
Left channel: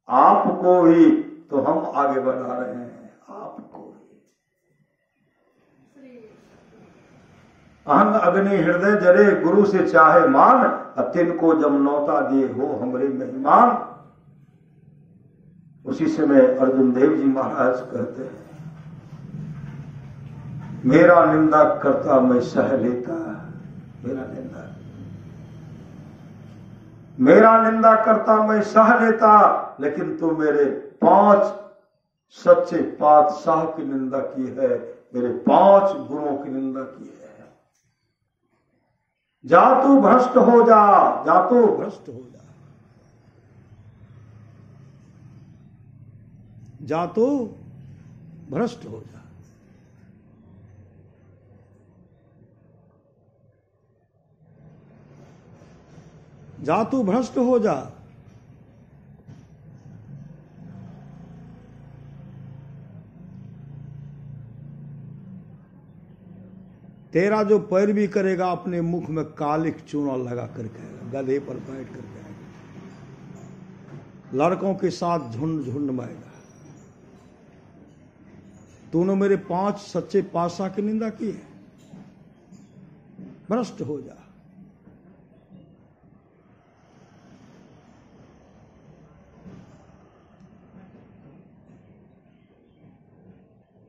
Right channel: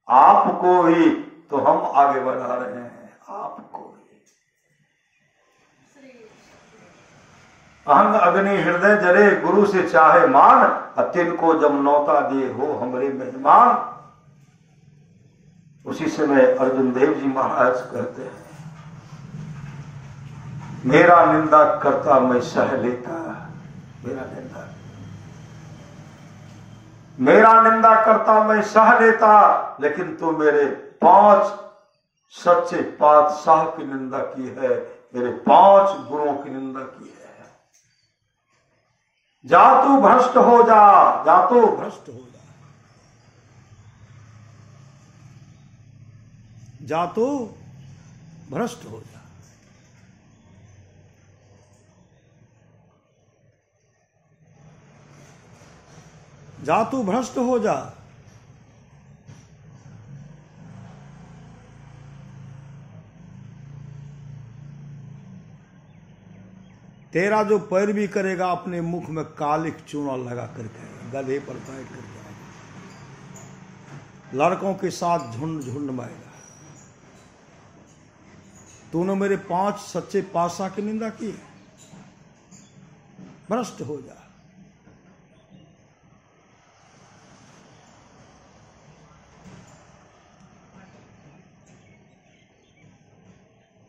आपको भी तो हम आगे बढ़ा रहे हैं, आपको भी। अहंग अग्नि हृदय जरे, गुरु से चाहे मान, अतिन को जब नौता दिए हो हमरे मेहमान। उसी समय अर्जुन देव जी महाराज कहते हैं मेरा निंदा करता मैं सह लेता, मेरा निंदा करता मैं सह लेता, लेकिन तू मेरे 5 सच्चे पातशाह की निंदा की है, मेरे 5 गुरुओं की निंदा की है। जा तू भ्रष्ट हो जा, जा तू भ्रष्ट हो जा, जा तू भ्रष्ट हो जा। जा तू भ्रष्ट हो जा। तेरा जो पैरवी करेगा अपने मुख में कालिक चूना लगा करके, गले पर बैठ करके लड़कों के साथ झुंड झुंड मारेगा। तूने मेरे 5 सच्चे पातशाह की निंदा की है, भ्रष्ट हो जा।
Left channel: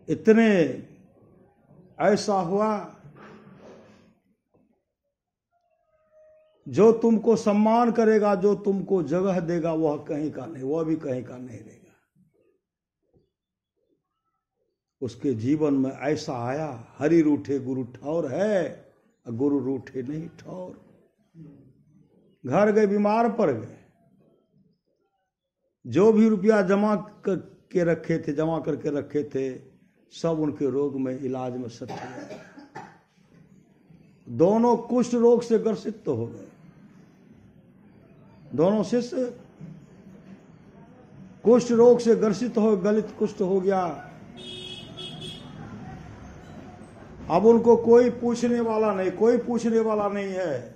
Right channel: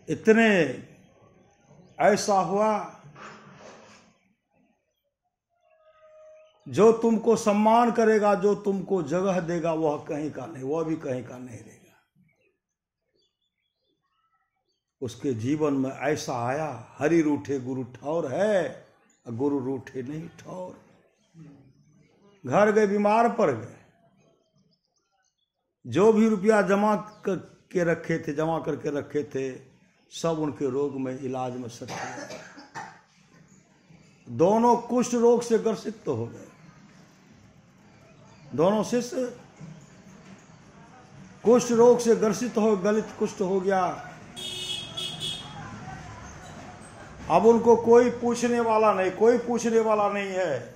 इतने ऐसा हुआ जो तुमको सम्मान करेगा, जो तुमको जगह देगा, वह कहीं का नहीं, वह भी कहीं का नहीं रहेगा। उसके जीवन में ऐसा आया, हरि रूठे गुरु ठौर है, गुरु रूठे नहीं ठौर। घर गए, बीमार पड़ गए, जो भी रुपया जमा करके रखे थे सब उनके रोग में, इलाज में सट गया। दोनों कुष्ठ रोग से ग्रसित तो हो गए, दोनों शिष्य कुष्ठ रोग से ग्रसित हो, गलित कुष्ठ हो गया। अब उनको कोई पूछने वाला नहीं, कोई पूछने वाला नहीं है।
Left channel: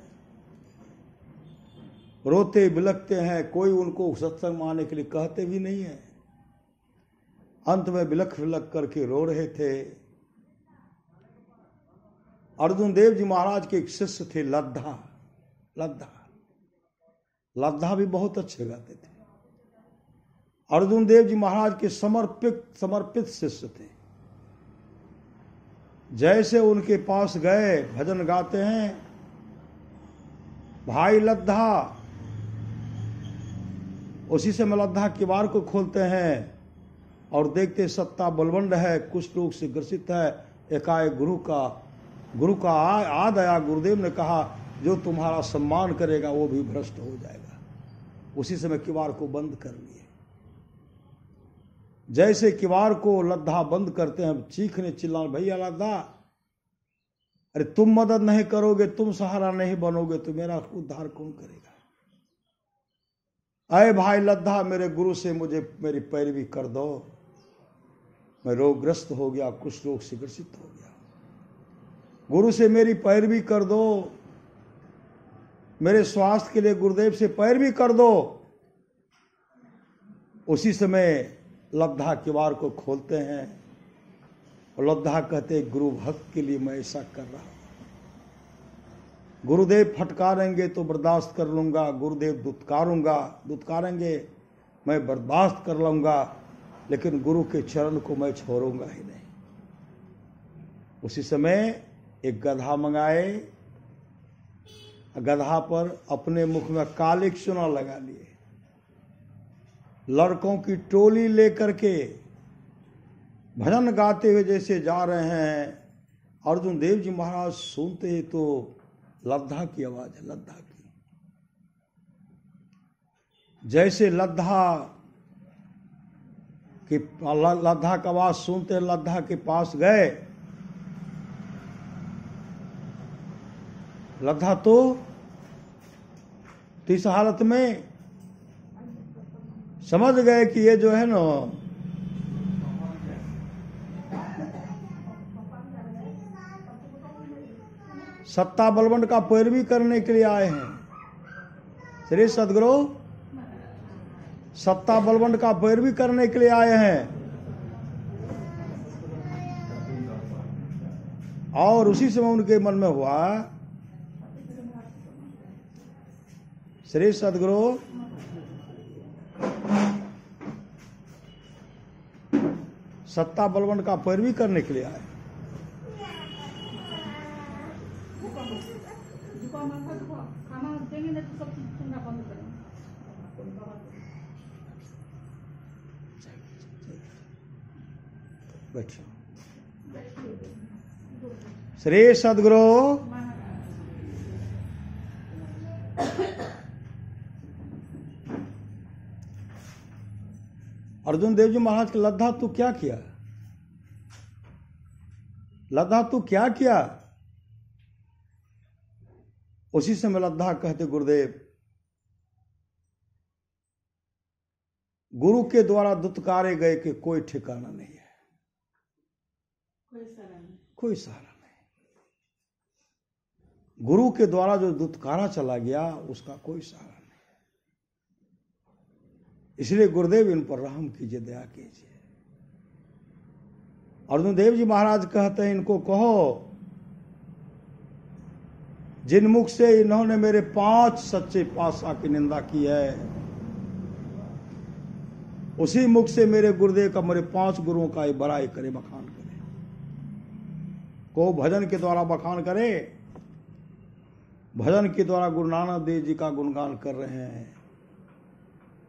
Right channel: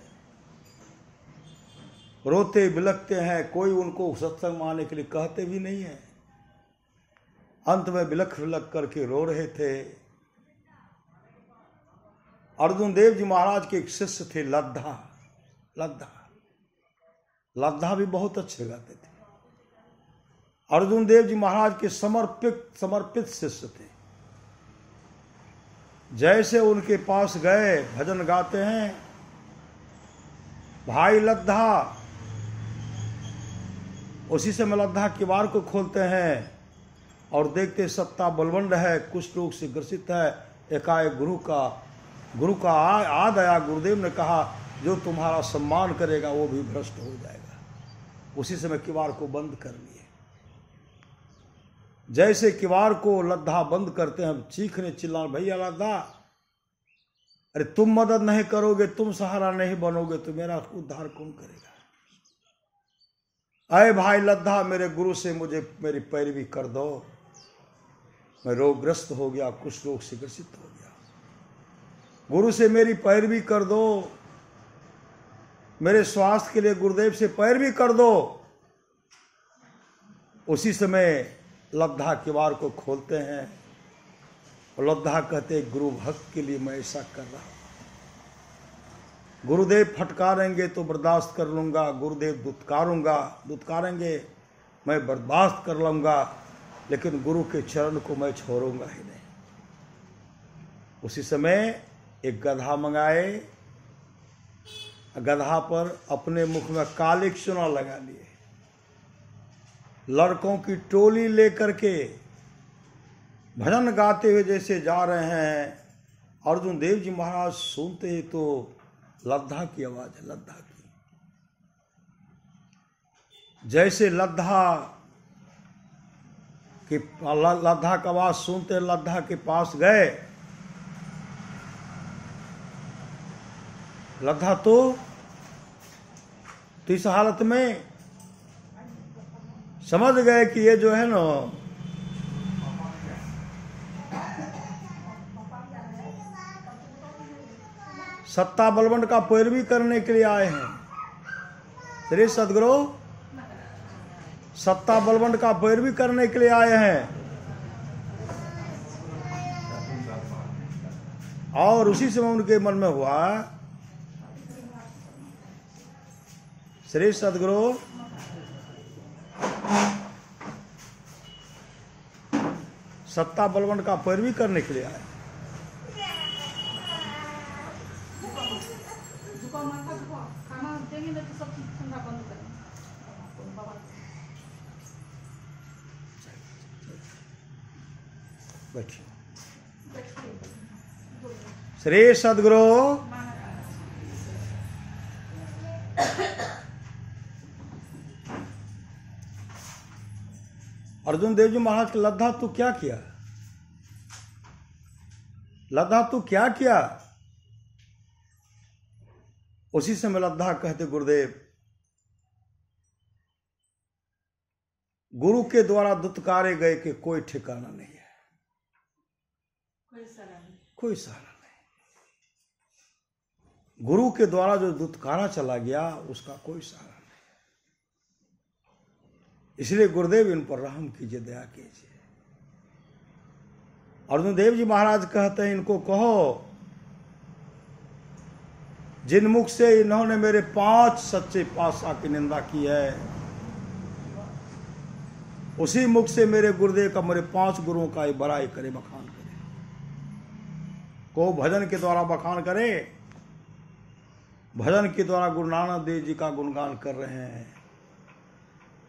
रोते बिलखते हैं, कोई उनको सत्संग में आने के लिए कहते भी नहीं है। अंत में बिलख बिलख करके रो रहे थे। अर्जुन देव जी महाराज के एक शिष्य थे लद्धा, लद्धा भी बहुत अच्छे गाते थे। अर्जुन देव जी महाराज के समर्पित शिष्य थे। जैसे उनके पास गए, भजन गाते हैं, भाई लद्धा। उसी से मैं लद्धा किवाड़ को खोलते हैं और देखते सत्ता बलवंड है, कुष्ठ रोग से ग्रसित है। एकाएक गुरु का याद आया। गुरुदेव ने कहा जो तुम्हारा सम्मान करेगा वो भी भ्रष्ट हो जाएगा। उसी समय किवाड़ को बंद कर लिए। जैसे किवाड़ को लद्धा बंद करते हैं, चीखने चिल्लाने, भैया लद्धा, अरे तुम मदद नहीं करोगे, तुम सहारा नहीं बनोगे तो मेरा उद्धार कौन करेगा। अरे भाई लद्धा, मेरे गुरु से मुझे मेरी पैरवी कर दो, मैं रोगग्रस्त हो गया, कुछ रोग से ग्रसित हो गया। गुरु से मेरी पैरवी कर दो, मेरे स्वास्थ्य के लिए गुरुदेव से पैरवी कर दो। उसी समय लद्धा किवाड़ को खोलते हैं और लद्धा कहते गुरु भक्त के लिए मैं ऐसा कर रहा हूं। गुरुदेव फटकारेंगे तो बर्दाश्त कर लूंगा, गुरुदेव दुत्कारेंगे मैं बर्दाश्त कर लूंगा, लेकिन गुरु के चरण को मैं छोड़ूंगा ही नहीं। उसी समय एक गधा मंगाए, गधा पर अपने मुख में काली चूना लगा लिए, लड़कों की टोली लेकर के भजन गाते हुए जैसे जा रहे हैं। अर्जुन देव जी महाराज सुनते ही तो लद्धा की आवाज है, लद्धा की, जैसे लद्धा का आवाज सुनते लद्धा के पास गए। लद्धा तो इस हालत में समझ गए कि ये जो है ना सत्ता बलवंत का पैरवी करने के लिए आए हैं। श्री सदगुरु सत्ता बलवंत का पैरवी करने के लिए आए हैं। और उसी समय उनके मन में हुआ, श्री सदगुरु सत्ता बलवंत का पैरवी करने के लिए आए। श्री सदगुरु अर्जुन देव जी महाराज के लद्धा तू क्या किया, लद्धा तू क्या किया। उसी समय लद्धा कहते गुरुदेव गुरु के द्वारा दुत्कारे गए कि कोई ठिकाना नहीं है, कोई सहारा नहीं। गुरु के द्वारा जो दुत्कारा चला गया उसका कोई सहारा नहीं। इसलिए गुरुदेव इन पर रहम कीजिए, दया कीजिए। अर्जुन देव जी महाराज कहते हैं इनको कहो जिन मुख से इन्होंने मेरे 5 सच्चे पातशाह की निंदा की है, उसी मुख से मेरे गुरुदेव का, मेरे 5 गुरुओं का बड़ाई करे, बखान करे। को भजन के द्वारा बखान करे, भजन के द्वारा गुरु नानक देव जी का गुणगान कर रहे हैं।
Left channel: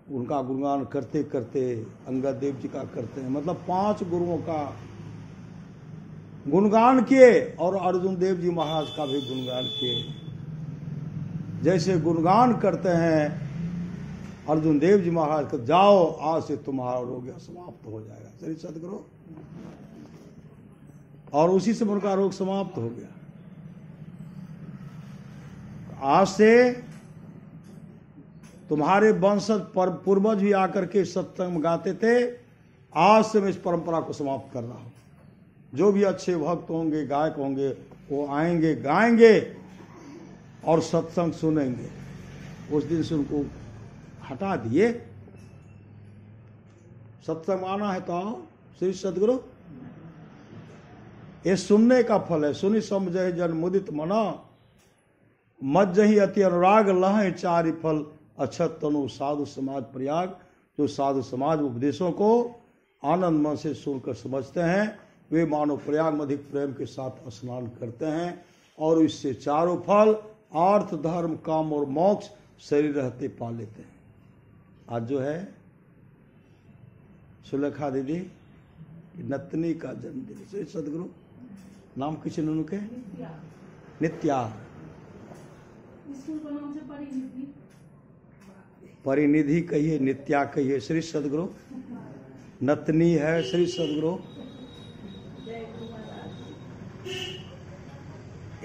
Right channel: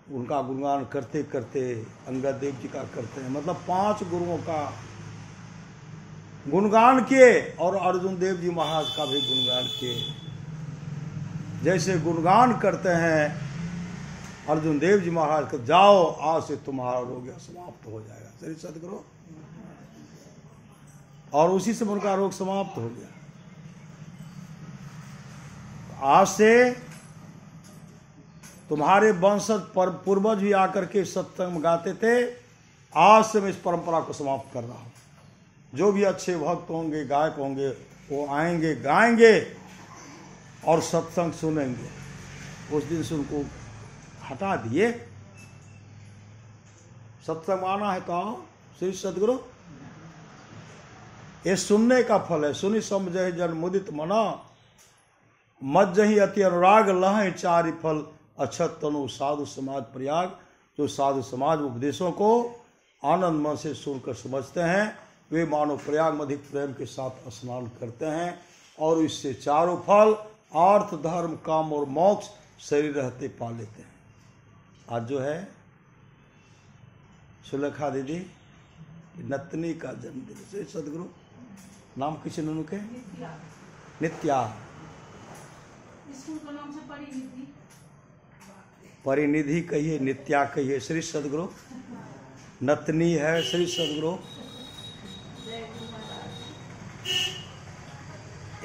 उनका गुणगान करते करते अंगद देव जी का करते हैं, मतलब 5 गुरुओं का गुणगान किए और अर्जुन देव जी महाराज का भी गुणगान किए। जैसे गुणगान करते हैं अर्जुन देव जी महाराज को, जाओ आज से तुम्हारा रोग समाप्त हो जाएगा। श्री सदगुरु और उसी से उनका रोग समाप्त हो गया। आज से तुम्हारे वंशज पूर्वज भी आकर के सत्संग गाते थे, आज से मैं इस परंपरा को समाप्त कर रहा हूं। जो भी अच्छे भक्त होंगे, गायक होंगे, वो आएंगे, गाएंगे और सत्संग सुनेंगे। उस दिन से उनको हटा दिए। सत्संग आना है तो आओ। श्री सदगुरु ये सुनने का फल है। सुनी समझे जन मुदित मना, मज्जहि अति अनुराग लह चारि फल, अक्षत तनु साधु समाज प्रयाग। जो साधु समाज उपदेशों को आनंद मन से सुनकर समझते हैं, वे मानो प्रयाग में अधिक प्रेम के साथ स्नान करते हैं और इससे चारों फल अर्थ, धर्म, काम और मोक्ष शरीर रहते पा लेते हैं। आज जो है सुलेखा दीदी नतनी का जन्मदिन। श्री सदगुरु नाम किसी ने उनके नित्या, स्कूल का नाम से परिनिधि, परिनिधि कहिए, नित्या कहिए। श्री सदगुरु नतनी है। श्री सदगुरु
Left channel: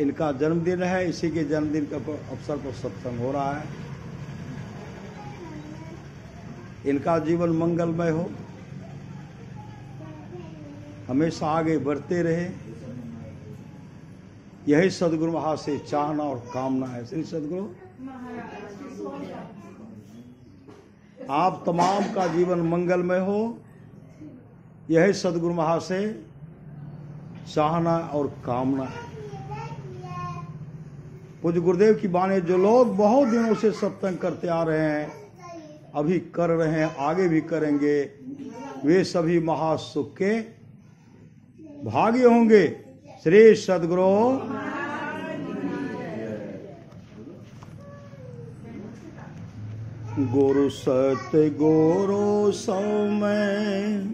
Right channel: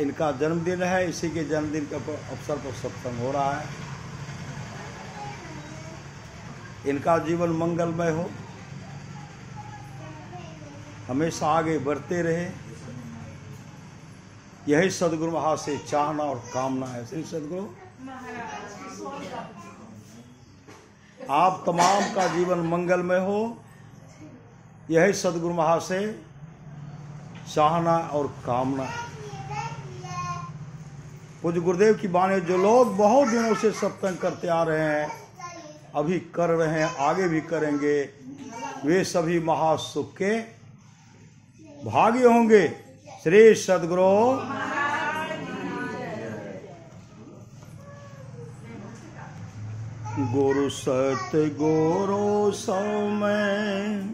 इनका जन्मदिन है, इसी के जन्मदिन के अवसर पर सत्संग हो रहा है। इनका जीवन मंगलमय हो, हमेशा आगे बढ़ते रहे, यही सदगुरु महाराज से चाहना और कामना है। श्री सदगुरु आप तमाम का जीवन मंगलमय हो, यही सदगुरु महाराज से चाहना और कामना है। पूज्य गुरुदेव की बाणी जो लोग बहुत दिनों से सत्संग करते आ रहे हैं, अभी कर रहे हैं, आगे भी करेंगे, वे सभी महासुख के भागी होंगे। श्री सद्गुरु गुरु सतगुरु सौ में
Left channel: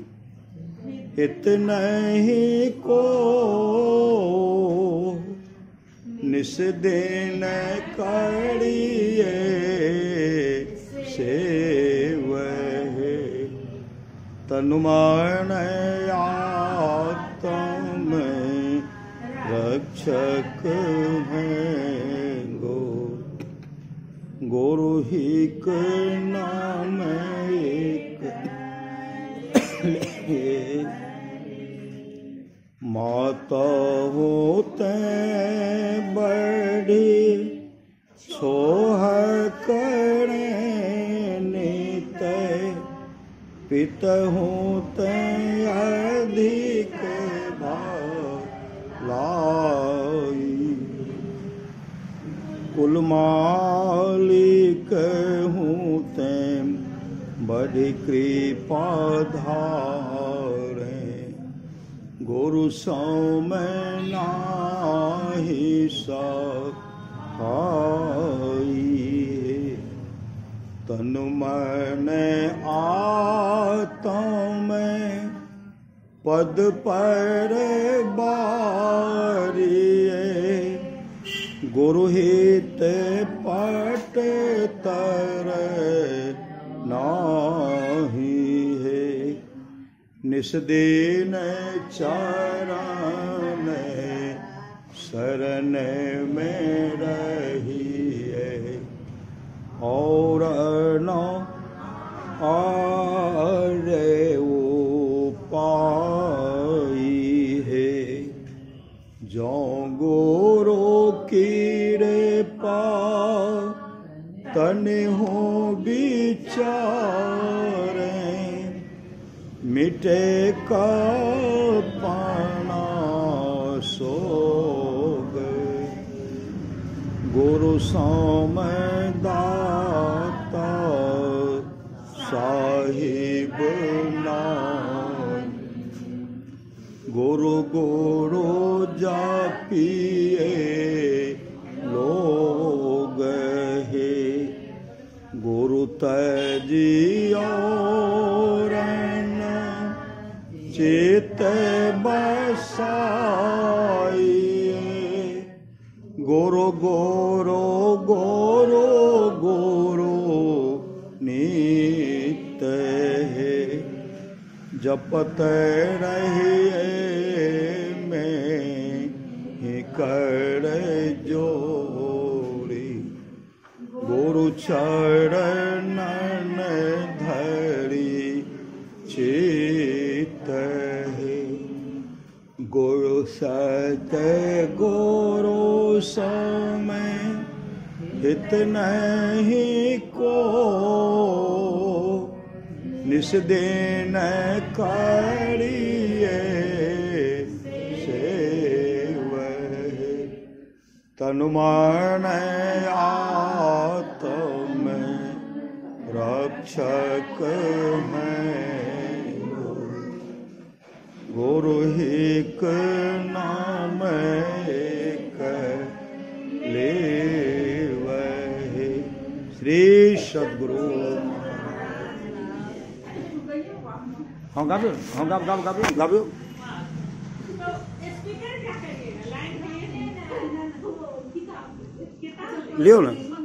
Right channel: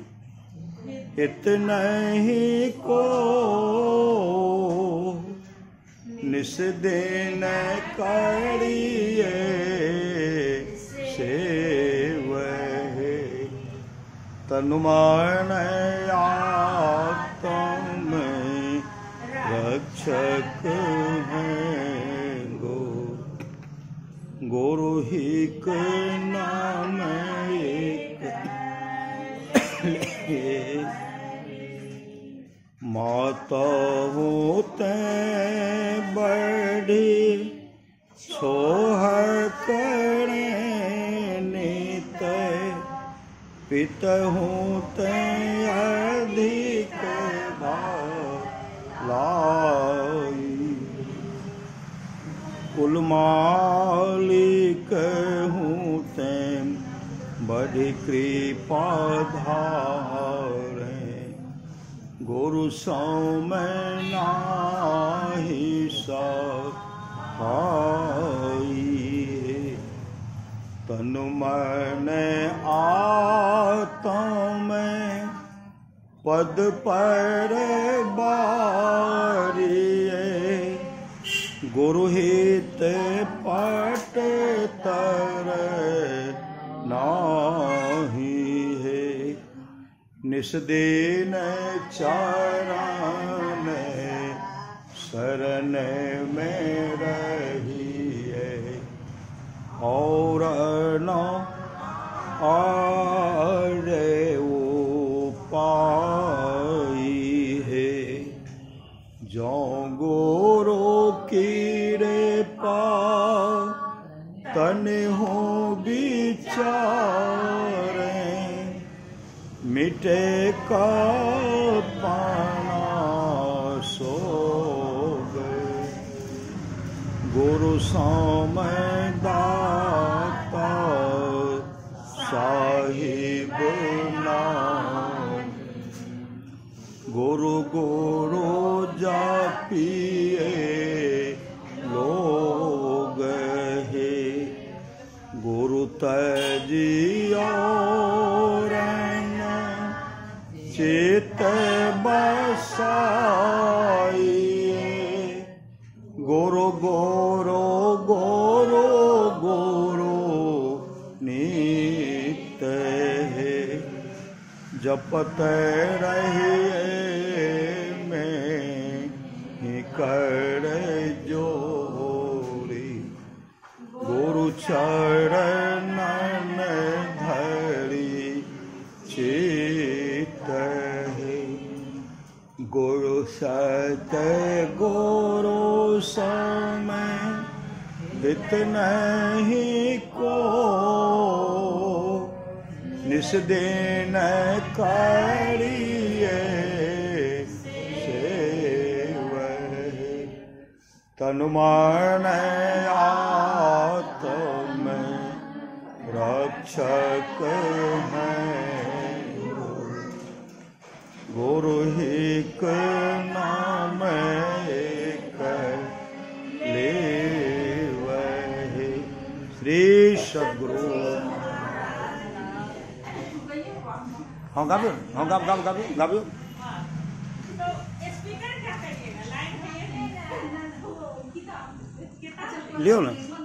हित नहीं को निस दिन करिए सेवह तनु मन आत्म रक्षक हैं गुरु हिक नाम एक माता होते बड़ी सोह करे नित पित होते अधिक भालाई कुल मालिक होते बड़ी कृपा धारे गुरु सौ में नाही सहाई तनु मन आत्म पद पर बारिए गुरु हित पट तर नाही है निस दिन चरण शरण में रहिए और न आरे उपाई है जो गुरु की पा तन हो विचारे मिटे का पाना सो गए गुरु साम दाता साहिब नाम गुरु गुरु जापिए लोग है गुरु तजियो चित बसाई गुरु गुरु गुरु गुरु नित्य है जपत रहिए में ही कर जोड़ी गुरु चरण धरी चित है गुरु सत गुरु समय हित नहीं को निस दिन करिए सेवह तनु मन आत्म रक्षक हैं गुरु हिक नाम एक लेवह श्री सद्गुरु हाँ गाबियो हाँ गाबियो तो स्पीकर क्या करिएगा लाइन है लियो ना